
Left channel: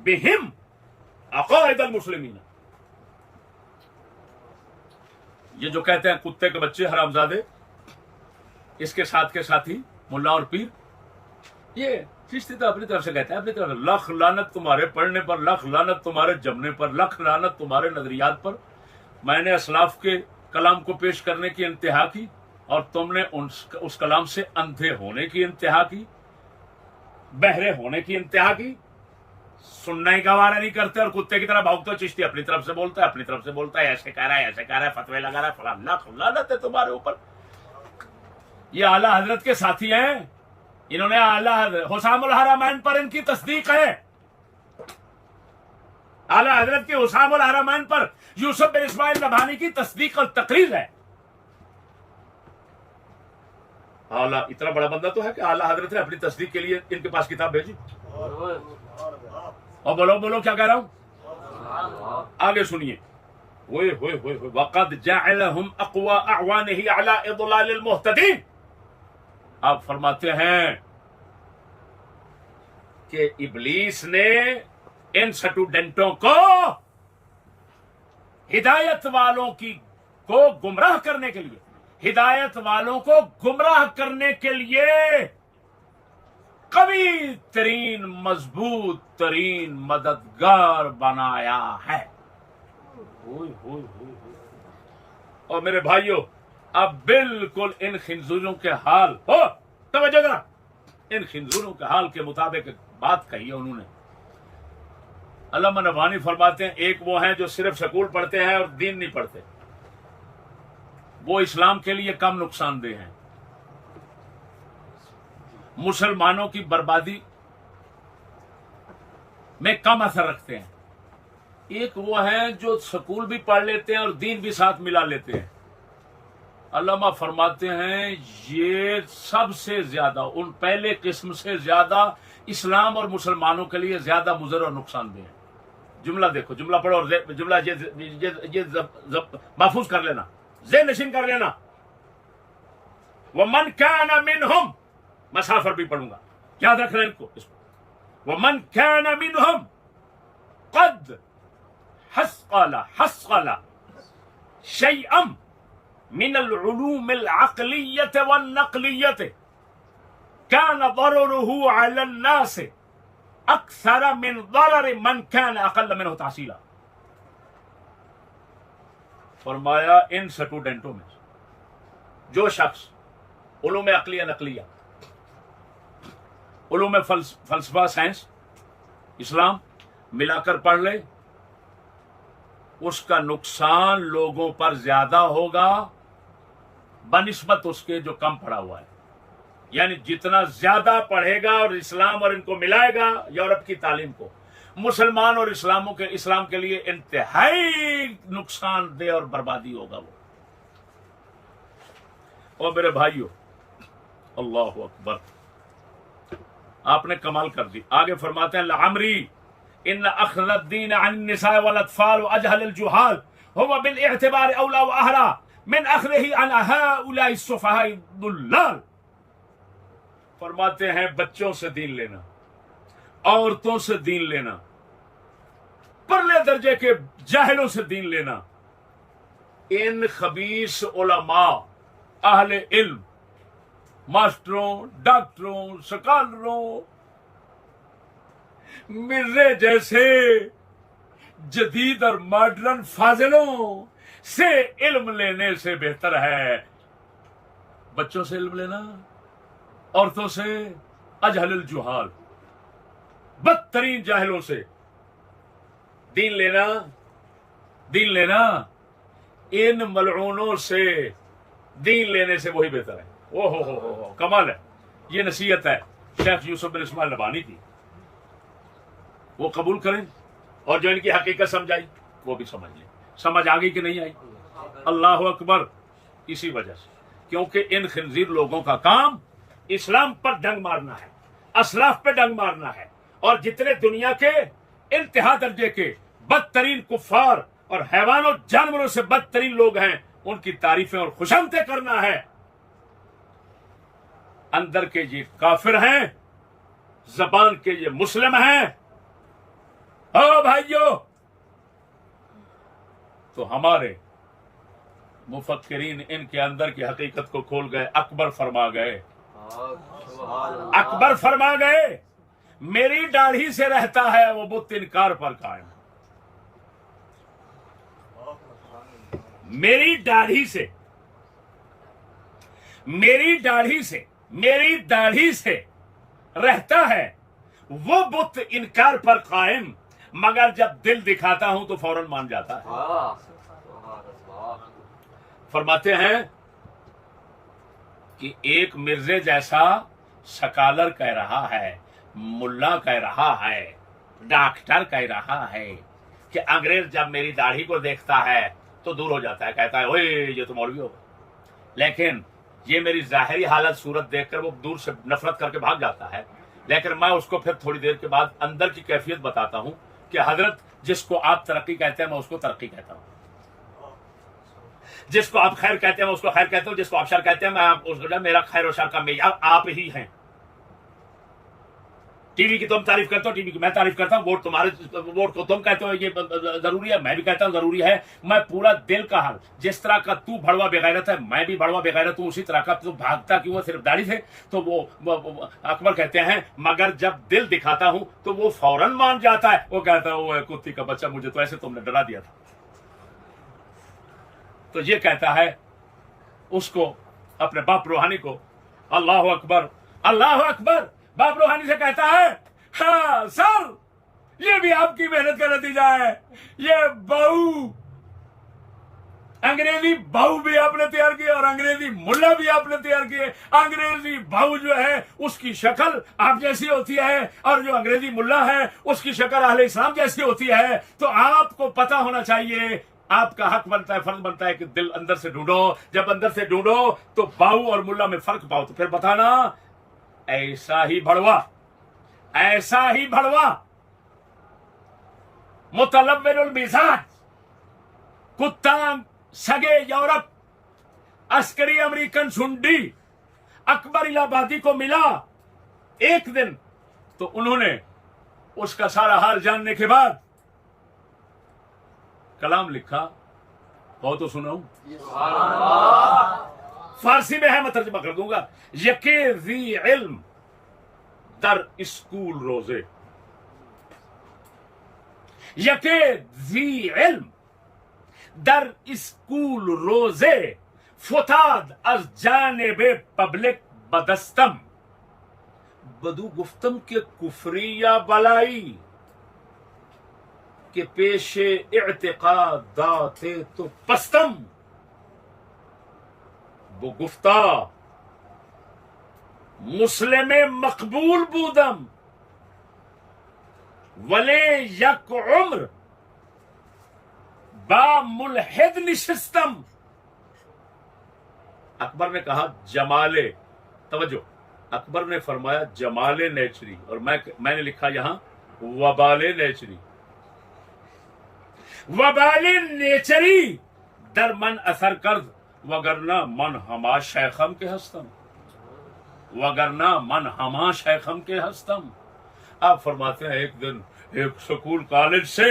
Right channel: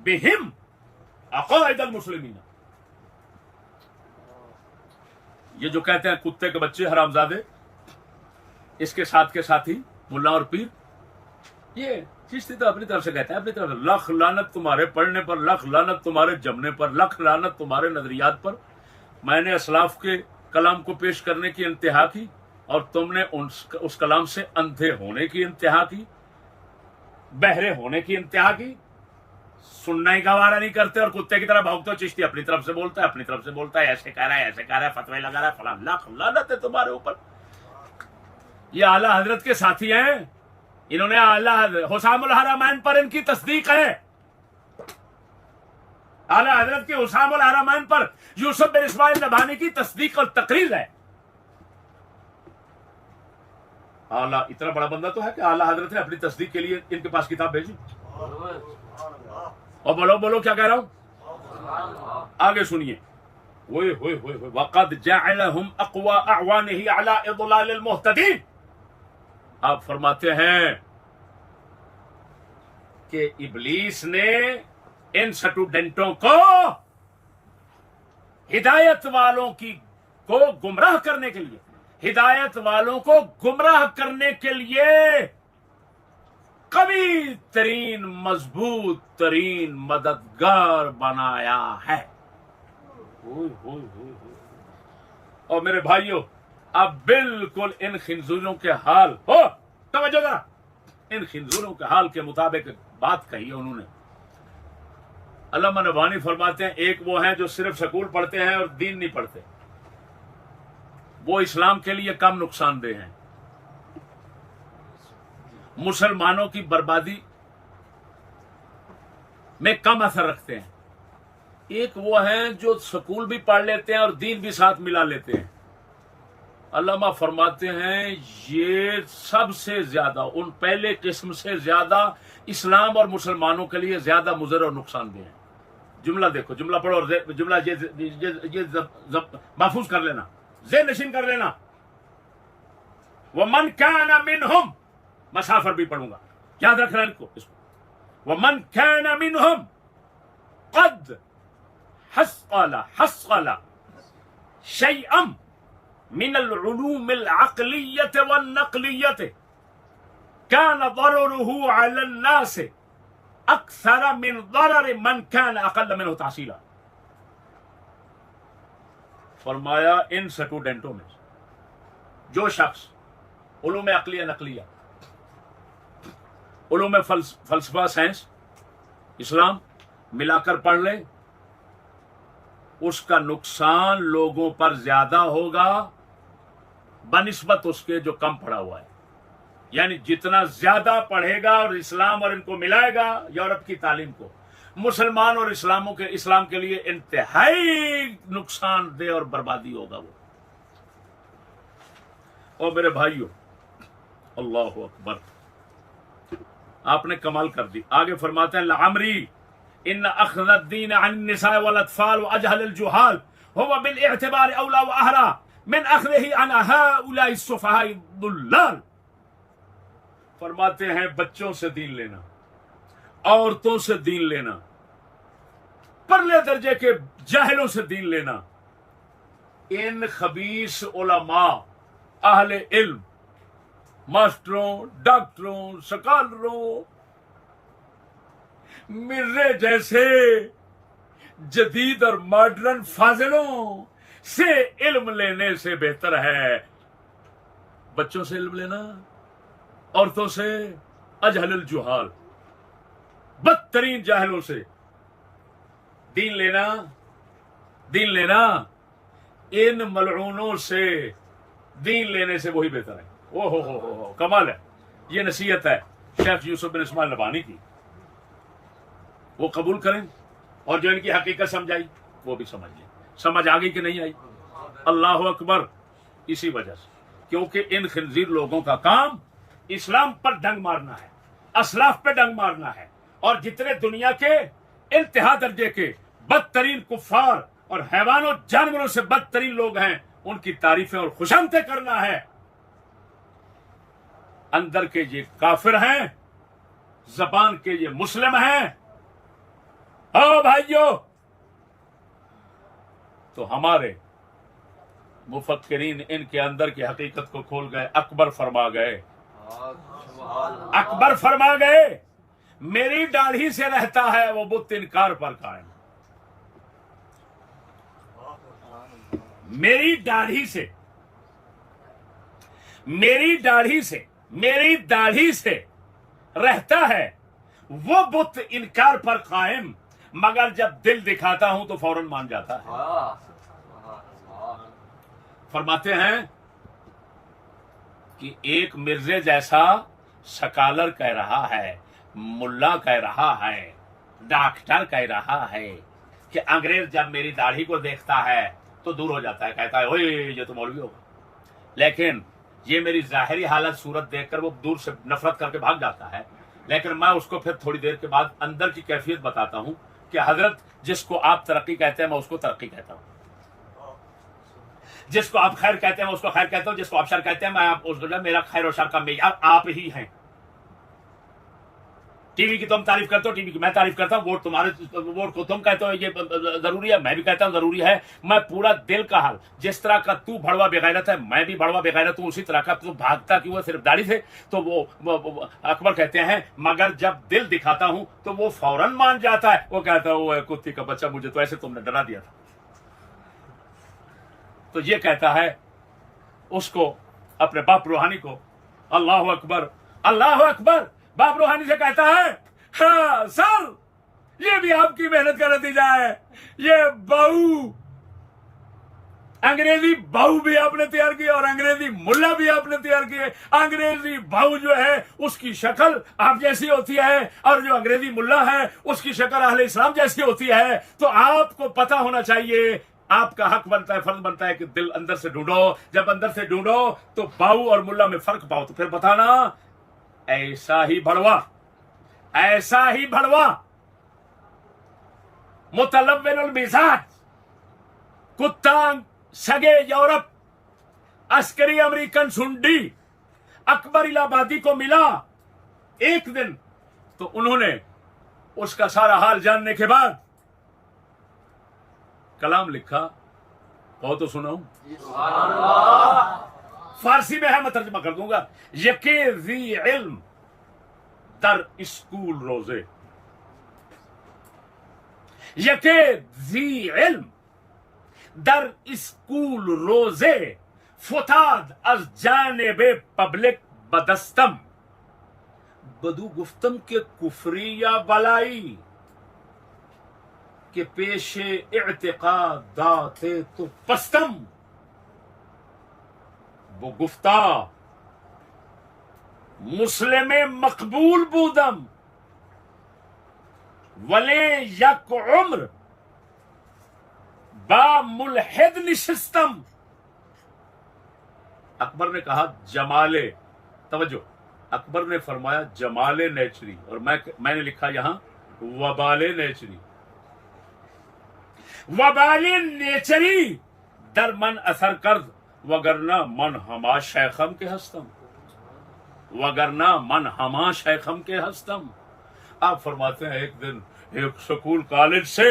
बिहिम अकाइदल मुस्लिमीन। ये जो कहते हैं कुत्ते के बच्चे हरामजादे, इसके साथ के साथी मुल्ला और पीर, ये चिश्ती तो अपनी तरफ से कहते हैं, अपनी तरफ से, लख लानत तुम्हारे पढ़ने पर, लख लानत तुम्हारे जमने पर, लख लानत तुम्हारे नजरियात पर। मैंने असलाफ के कलाम को पेश करने की इंतहा की और तुमने उस कलाम से अंधे होने की इंतहा की। बहरे होने की इंतहा की, सुनना ही गवारा नहीं करते और कुत्ते की तरह भागते हो। चिश्ती अपनी तरफ से बोलता है, अपनी तरफ से बोलता है, ऐसे कह रहा है, ऐसे कह रहा है, फतवे लगा रहा है, फला लाख लानत है तुम्हारे ऊपर। ये आला हजरत के साथी हैं, इन्होंने आला हुसामुल हरमैन पर इनकी तस्दीक है। आला हजरत के हुसामुल हरमैन पर यूसुफ बिन इस्माइल नभानी की तस्दीक और तकरीर है। आला इतना बड़ा बंदा तो है कि आला हजरत ने अपनी तस्दीक के लिए इनके पास किताब भेजी। और बोलो बोलो क्या कह रहा हूं, आगे सुनिए। वक़द जअलहुम अक़वा अअवानिही अला इज़लालिल मुहतदीन। आप फरमाते हैं कि इब्लीस ने इन स्टूडेंटों को हिदायत वालों को गुमराह करने के लिए, हिदायत वालों को गुमराह करने के लिए कवी तरीन मजबूत तरीन मददगार बनाया है। और मेरे भाइयों, अब बिल्कुल इन खिंजूरों के हाल हो, तवज्जो करा, इन खिंजूरों के हाल के मुताबिक बात कही है उन्होंने। अल्लामा नबानी फरमाते हैं, एक वो हैं जो सिर्फ स्कूल पढ़ते हैं और दीन नहीं पढ़ते, वो इस्लाम के लिए कम नुकसानदेह हैं, मुसलमानों की बर्बादी में कम असर रखते हैं। एक वो हैं जो स्कूल भी पढ़ लेते हैं और दीन भी साथ मिला लेते हैं। अल्लामा फरमाते हैं ये सबसे ज्यादा, उन पहले किस्म से ज्यादा इस्लाम और मुसलमानों के लिए ज्यादा मुज़र और नुकसानदेह है। जुमला देखो, जुमला पढ़ो और जुमला ये महफूज कर लेना, ज़ेहन नशीन कर लेना। वमन काना मिनहुम, मसाफर भी पढ़ूंगा, याद रखना इनको, इसको। वमन काना मिनहुम कद हस्क़ला शैअम मिनल उलूमिल अक़लिय्यत वन नक़लिय्यत कान ज़ररुहु अला अन्नास अक्सर मिन ज़रर मन कान अक़ल्ल मिनहु तहसीला। फरमाया इन स्टूडेंटों में जो शख्स उलूम अक़लिया नक़लिया, उलूम फलसफा साइंस इस्लाम मिलाकर पढ़ ले, उसका नुकसान लोगों पर ज्यादा होगा बनिस्बत उसके जो कम पढ़ा हुआ है। यानी जितना ज्यादा पढ़ेगा और इस्लाम और इनको मिलाएगा यूरोप की तालीम को, मुसलमान और इस्लाम के लिए इंतहाई नुकसानदेह और बर्बादी होगा वो। और मेरे भाइयों, अल्लाह अकबर, आपने कमाल कर दी। आगे फरमाते हैं लअमरी इन अख़ज़ दीन अन निसा वल अतफाल व अजहल अल जुहाल हुवा बिल इअतिबार औला व अहरा मिन अख़ज़िही अन हाउलाई सुफ़हाई दुल्लाल। फरमाते हैं बच्चों से दीन लेना, औरतों से दीन लेना, परले दर्जे के जाहिलों से दीन लेना, इन खबीस उलमा अहले इल्म, मास्टरों, डॉक्टरों, स्कॉलरों, मिर्जे जैसे जदीद और मॉडर्न फाजिलों से इल्म लेने से बेहतर है बच्चों से इल्म लेना, औरतों से, अजहलुल जुहाल, बदतरीन जाहिलों से दीन लेना। दीन लेना इन मलऊनों से दीन लेने से वही बेहतर है। ओ हो कमाल है। ये नसीहत है शेख यूसुफ बिन इस्माइल नबानी की, वो कबूल करें और जो इनकी हकीकत समझाई वो भी समझ लें। समझ आ गई कि नहीं आई? अल्लाह अकबर। इसी वजह से, क्योंकि इन खिंजीर लोगों का काम इस्लाम पर डंग मारना है, असलाफ पे डंग मारना है, और जितने दुनिया के इंतहा दर्जे के बदतरीन कुफ्फार और हैवानों जानवरों से बदतरीन लोग हैं, उनकी तारीफें और खुशामतें करना है। अंदर के ये काफिर हैं, जबान के ये मुस्लिम हैं। ओ भाइयों, तो हमारे मुफक्किरीन इनके अंदर की हकीकत को खोल गए। अकबर फरमा गए, अकबर फरमा गए, मेरी दाढ़ी से रहता है वो बुत इनकार पर कायम। मेरी दाढ़ी से, मेरी दाढ़ी से, मेरी दाढ़ी से रहता है वो बुत इनकार पर कायम, मगर जब दिल दिखाता हूं तो फौरन मान जाता है। फरमाते हैं कि एक मिर्जे जैसा स्कॉलर कह रहा है, मुल्ला कह रहा है, डॉक्टर कह रहा है कि अंग्रेज जब मेरी दाढ़ी को देखता है तो दूर हो जाता है, कहता है ओए ये तो मौलवी होगा। लेकिन ये मेरी जाहिरी हालत सूरत देखकर वो दूर से नफरत करके भाग जाता है। लेकिन मैं उसको फिर थोड़ी देर के बाद अंदर की कैफियत बताता हूं कि हजरत जिसको आप तरक्की कहते हैं मैं उसको तरक्की कहता हूं, जिसको आप खैर कहते हैं मैं उसको खैर कहता हूं, जिसको आप शर कहते हैं मैं उसको, मेरा खैर और शर का मेयार आप ही हैं। टीवी की तुम तारीफ करते हो, टीवी की मैं तारीफ करता हूं, वोट तुम्हारे, वोट को तुम कहते हो ये जरूरी है, मैं भी कहता हूं जरूरी है। मैं पूरा दिल का हाल, जिस तरह का तू भड़वा बेगैरत है मैं भी भड़वा बेगैरत हूं, उसी तरह का तू भागता क्यों है सिर्फ दाढ़ी से। तो वो अकबर कहते हैं मगर जब दिल दिखाता हूं तो वो फौरन मान जाता है। वो कहता है कुत्ती का बच्चा, मुझे तो ऐसे तुमने डरा दिया था। तो ये कहता है उसको, अपने बाप रूहानी को, अल्लाह अकबर अल्लाह अकबर। बाप रूहानी से कहता है हाँ सर, ये भी आपकी मेहनत का नतीजा है। ये बहू, अंग्रेजी बहू भी आपने तैयार की और अंग्रेजी मुल्ला भी आपने तैयार किए। अंग्रेजी बहू जो है उसकी शक्ल आप जैसी होती है और जो अंग्रेजी मुल्ला है उसकी शक्ल अहले इस्लाम जैसी होती है। तो आपको पता होना चाहिए, आपका हक बनता है, फर्ज बनता है कि दिल अंदर से ढूंढो। जब अंदर से ढूंढो तो बाहू और मुल्ला में फर्क पाओ, तो फिर बताना ऐसा ही भड़वा, ऐसा ही भड़वा मुतलव्विनुल मिजाज, कुत्ता सगे यूरोप, अस्करी अमेरिकन सुंडी अकबर इलाहाबादी को मिला एक दिन। तो उन्होंने उसका सारा हाल जानने के बाद कलाम लिखा, कहो तो सुनाऊं। फारसी में है, मैं तर्जुमा कर दूंगा। यके ज़ी इल्म दर स्कूल रोजे, यके ज़ी इल्म दर स्कूल रोजे, फुताद अज जानेबे पब्लिक बदस्तम, बदू गुफ्तम के कुफरिया बलाई के पेशे इत्तिकादाते तो पस्तम, वो गुफ्ता मुस्लिम मकबूल बूदम, वले यक उम्र बा मुलहिद निशिस्तम। अकबर ने कहा जमाले, तवज्जो, अकबर ने फरमाया जमाले नेचरी, और मैंने लिखा यहां वबाले नेचरी। वबाले नेचरी दर मन असर कर्द, वगरना मन हमा शैखम के हस्तम, वगरना मन हमा शैखम के हस्तम। आप फरमाते हैं एक दिन एक स्कूल कॉलेज से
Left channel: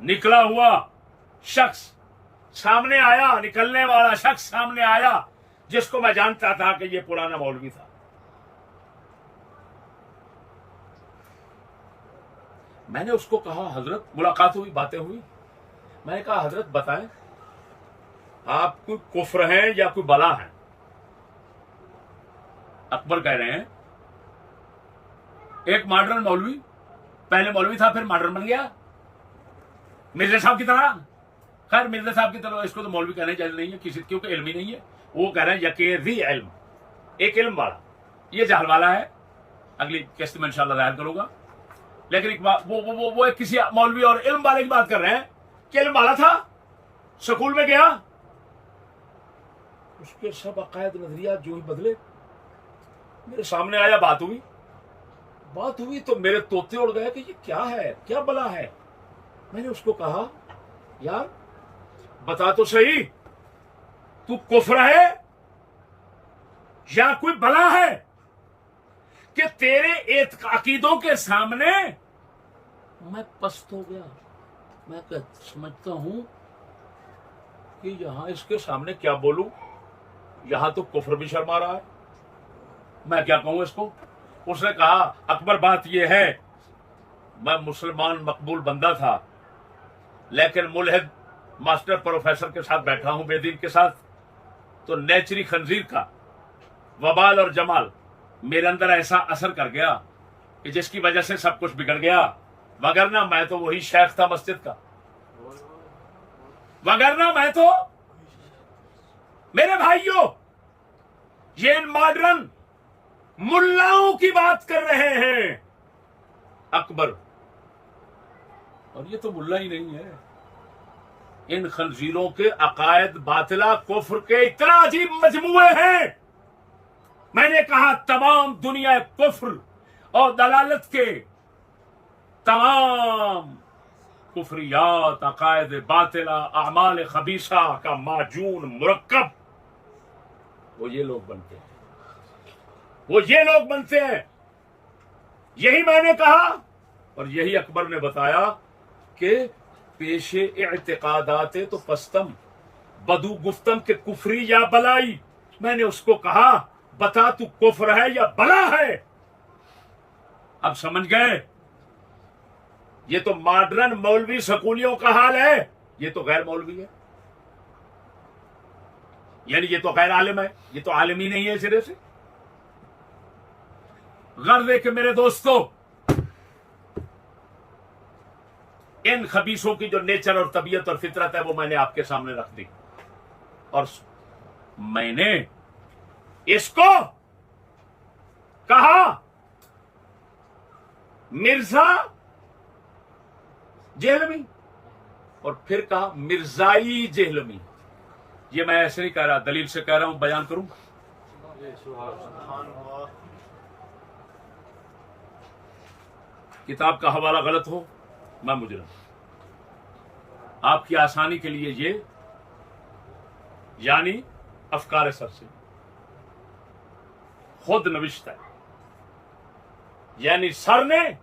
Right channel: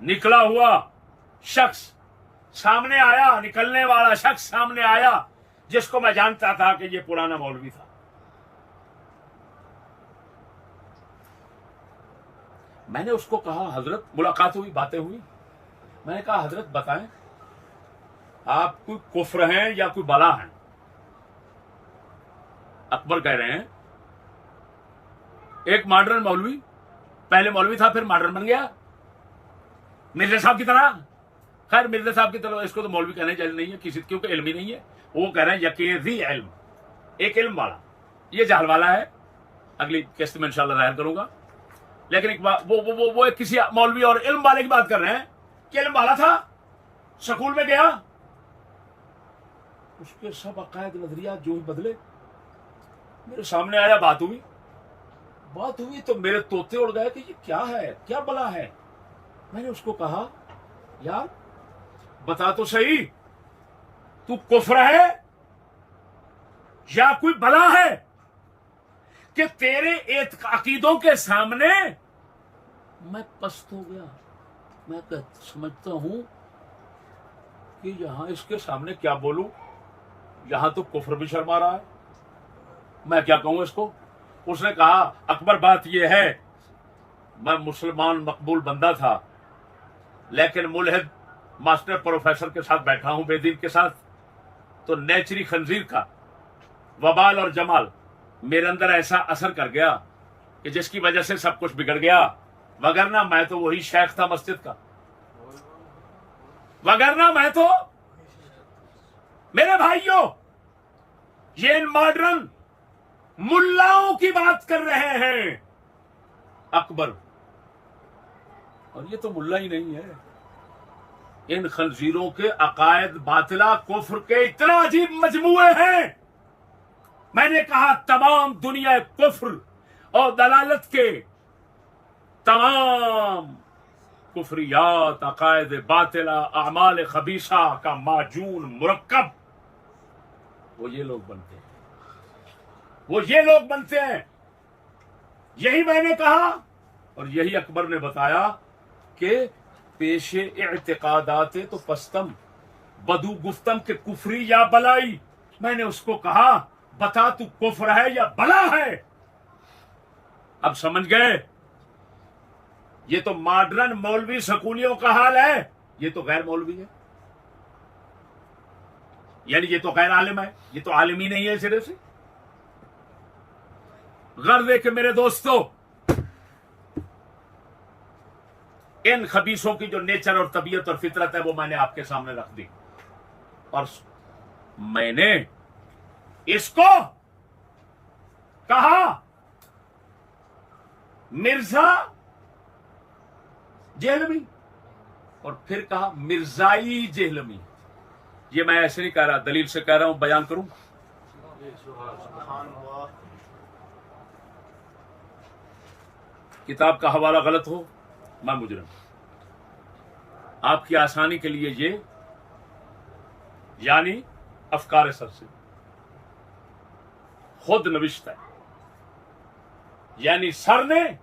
निकला हुआ शख्स सामने आया, निकलने वाला शख्स सामने आया, जिसको मैं जानता था कि ये पुराना मौलवी था। मैंने उसको कहा हजरत, मुलाकात हुई, बातें हुई, मैंने कहा हजरत बताएं आप कोई कुफ्र हैं या कोई बला है। अकबर कह रहे हैं एक मॉडर्न मौलवी, पहले मौलवी था फिर मॉडर्न बन गया मिर्जा साहब की तरह। खैर मिर्जा साहब की तरह इसको तो मौलवी कहने चाहिए नहीं है किसी, क्योंकि इल्म ही नहीं है। वो कह रहे हैं यकीज़ी इल्म, एक इल्म वाला, ये जहल वाला है। अगली किस्त में इंशाल्लाह जाहिर करूंगा। लेकिन एक बात, वो एक किसी मौलवी और इल्म वाले की बात कर रहे हैं कि इल्म वाला था, स्कूल में गया, उसके सब अकायद नजरिया जो ही बदले। मेरे सामने आया, बात हुई तो मेरे तोते उड़ गए कि ये क्या है, क्या बला है। मैंने उसको कहा यार बता तो सही, तू कुफ्र है या कोई बला है कि तेरे अकीदों के सामने मैं पस्त हो गया। मैं समझता हूं कि यहां इसके सामने क्या बोलूं, यहां तो कुफ्र भी शर्मा रहा है, मैं क्या कहूं इसको। उसने कहा अकबर बात यह है, मैं मुसलमान मकबूल बंदा था, लेकिन मुल्हिद मास्टर प्रोफेसर के साथ बैठा हूं, बेदीन के साथ, तो नेचरी खंजीर का वबाल और जमाल मेरे अंदर ऐसा असर कर गया कि जिसकी वजह से सब कुछ बिगड़ गया। वगरना मैं तो वही शेख था मस्जिद का, वगरना मैं तो। मेरे भाइयों, ये इन मॉडर्न मुल्लाओं की बात कर रहे हैं अकबर, और ये तो मुल्ला ही नहीं है। इन खंजीरों के अकायद बातिला कुफ्र के इतना अजीब मजमुए हैं। मैंने कहा तमाम दुनिया कुफ्र और दलालत के तमाम कुफरियात, अकायद बातिला, अमाल खबीसा का माजून मुरक्कब वो ये लोग बनते हैं, वो ये लोग बनते हैं। यही मैंने कहा और यही अकबर ने बताया कि पेशे इत्तिकादाते तो पस्तम बदू गुफ्तम के कुफरी या बलाई। मैंने उसको कहा बता तू कुफ्र है या बला है। अब समझ गए, ये तो मॉडर्न मौलवी स्कूलियों का हाल है, ये तो गैर मौलवी है, यानी ये तो गैर आलिम है, ये तो आलिम ही नहीं है सिरे से। गर्व है कि मेरे दोस्तों, इन खबीसों की जो नेचर और तबीयत और फितरत है वो मैंने आपके सामने रख दी, और मैंने इसको कहा मिर्जा जेहलमी और फिर कहा मिर्जाई जेहलमी। ये मैं ऐसे नहीं कह रहा, दलील से कह रहा हूं, बयान करूं। किताब का हवाला गलत हो मैं मुजरिम। आपकी आसानी के लिए ये यानी अफकार सर से खुद नविश्त है, यानी सर ने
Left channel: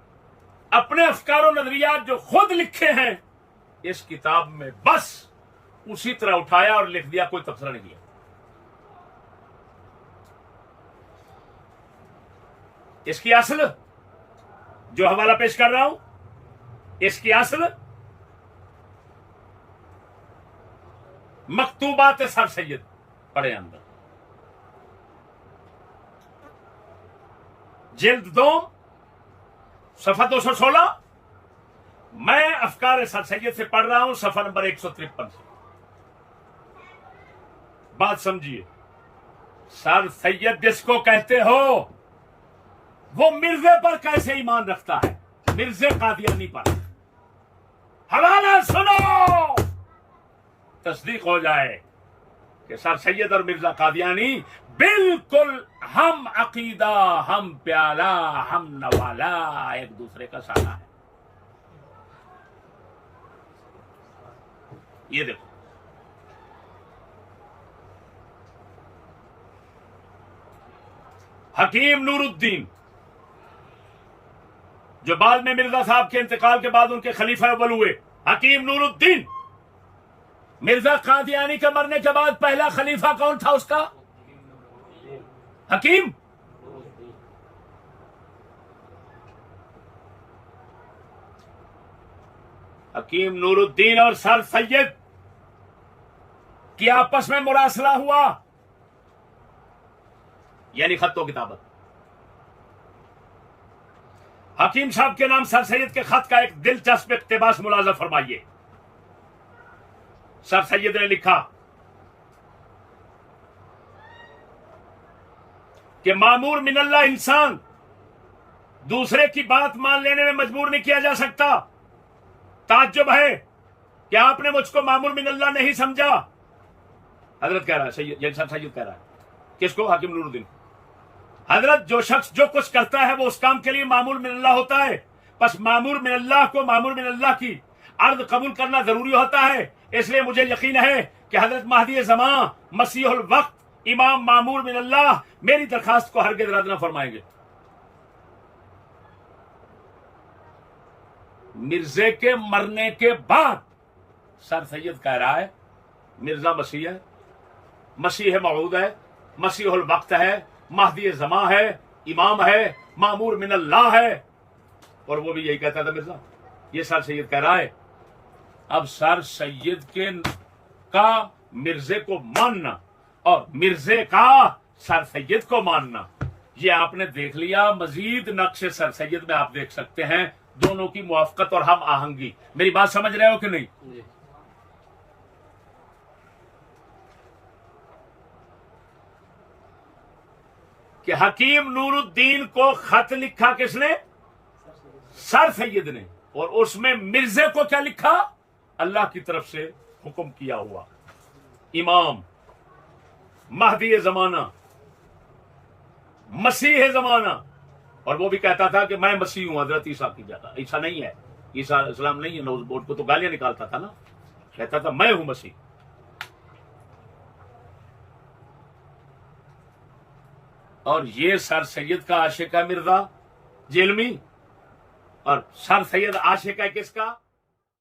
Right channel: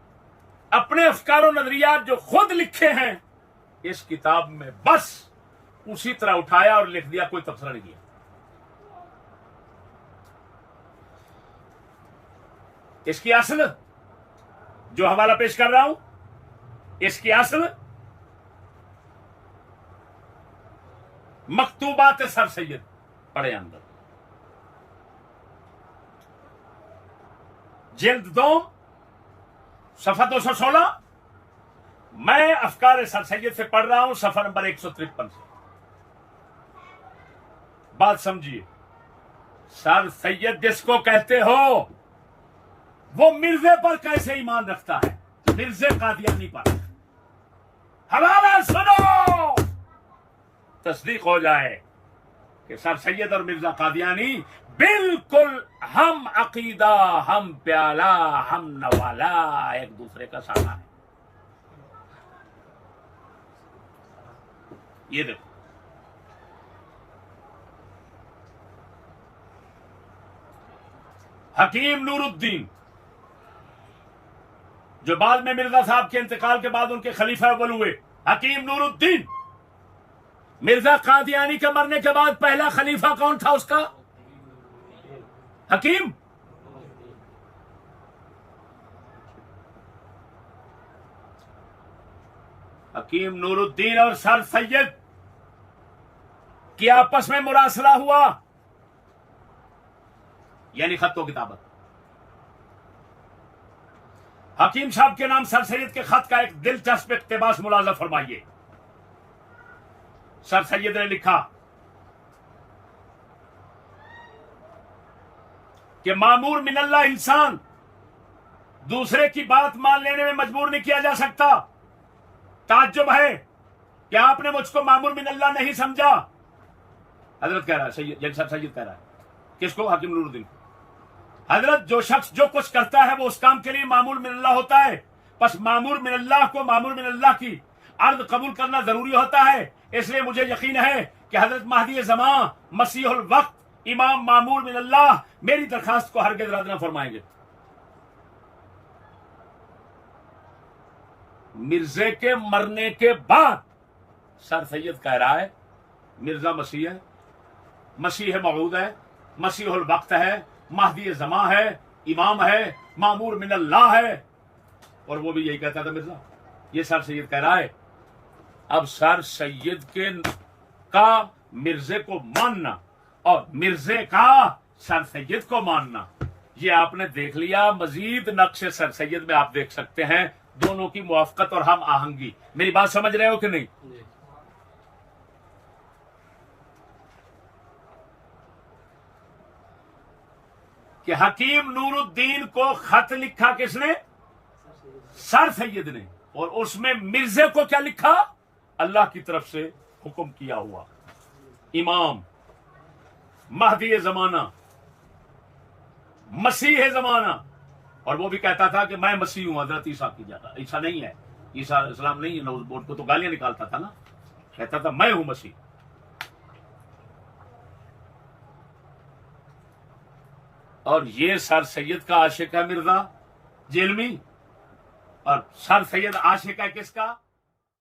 अपने अफकार और नजरियात जो खुद लिखे हैं इस किताब में बस उसी तरह उठाया और लिख दिया, कोई तबसरा नहीं किया। इसकी असल जो हवाला पेश कर रहा हूं, इसकी असल मकतूबात सर सैयद पढ़े अंदर, जिल्द 2 सफा 216। मैं अफकार सर सैयद से पढ़ रहा हूं सफा नंबर 153 से। बात समझिए, सर सैयद जिसको कहते हो वो मिर्जे पर कैसे ईमान रखता है, मिर्जे कादियानी पर। हवाला सुनो, तस्दीक हो जाए कि सर सैयद और मिर्जा कादियानी बिल्कुल हम अकीदा, हम प्याला, हम नवाला, एक दूसरे का साला है। ये देखो, हकीम नूरुद्दीन जो बाद में मिर्जा साहब के इंतकाल के बाद उनके खलीफा अव्वल हुए, हकीम नूरुद्दीन। मिर्जा कादियानी के मरने के बाद पहला खलीफा कौन था उसका? हकीम। हकीम नूरुद्दीन और सर सैयद की आपस में मुरासला हुआ, यानी खत्तो किताबत। हकीम साहब के नाम सर सैयद के खत का एक दिलचस्प इक्तिबास मुलाजा फरमाइए। सर सैयद ने लिखा कि मामूर मिनल्लाह इंसान दूसरे की बात मान लेने में मजबूर नहीं किया जा सकता। ताज्जुब है कि आपने मुझको मामूर मिनल्लाह नहीं समझा। हजरत कह रहा है, सैयद सर सैयद कह रहा है किसको? हकीम नूरुद्दीन। हजरत जो शख्स जो कुछ करता है वो उस काम के लिए मामूर मिनल्लाह होता है, बस मामूर मिनल्लाह को मामूर मिनल्लाह की अर्ज कबूल करना जरूरी होता है। इसलिए मुझे यकीन है कि हजरत महदी ज़मां मसीहुल वक्त इमाम मामूर मिनल्लाह मेरी दरखास्त को हरगिज़ रद्द न फरमाएंगे। मिर्जे के मरने के बाद सर सैयद कह रहा है मिर्जा मसीह है, मसीह मऊद है, मसीहुल वक्त है, महदी ज़मां है, इमाम है, मामूर मिनल्लाह है, और वो भी यही कहता था मिर्जा। ये सर सैयद कह रहा है। अब सर सैयद के का मिर्जे को मानना और मिर्जे का सर सैयद को मानना, ये आपने देख लिया। मजीद नक्शे सर सैयद में आप देख सकते हैं दोनों की मुआफकत और हम आहंगी। मेरी बात समझ रहे हो कि नहीं? जी। कि हकीम नूरुद्दीन को खत लिखा किसने? सर सैयद ने। और उसमें मिर्जे को क्या लिखा? अल्लाह की तरफ से हुक्म किया हुआ इमाम, महदी जमाना, मसीह जमाना। और वो भी कहता था कि मैं मसीह हूं हजरत ईसा की जगह। ईसा नहीं है, ईसा इस्लाम नहीं है। नौज बोर्ड को तो गालियां निकालता था ना, कहता था मैं हूं मसीह। और ये सर सैयद का आशिक है मिर्जा जेलमी, और सर सैयद आशिक है किसका?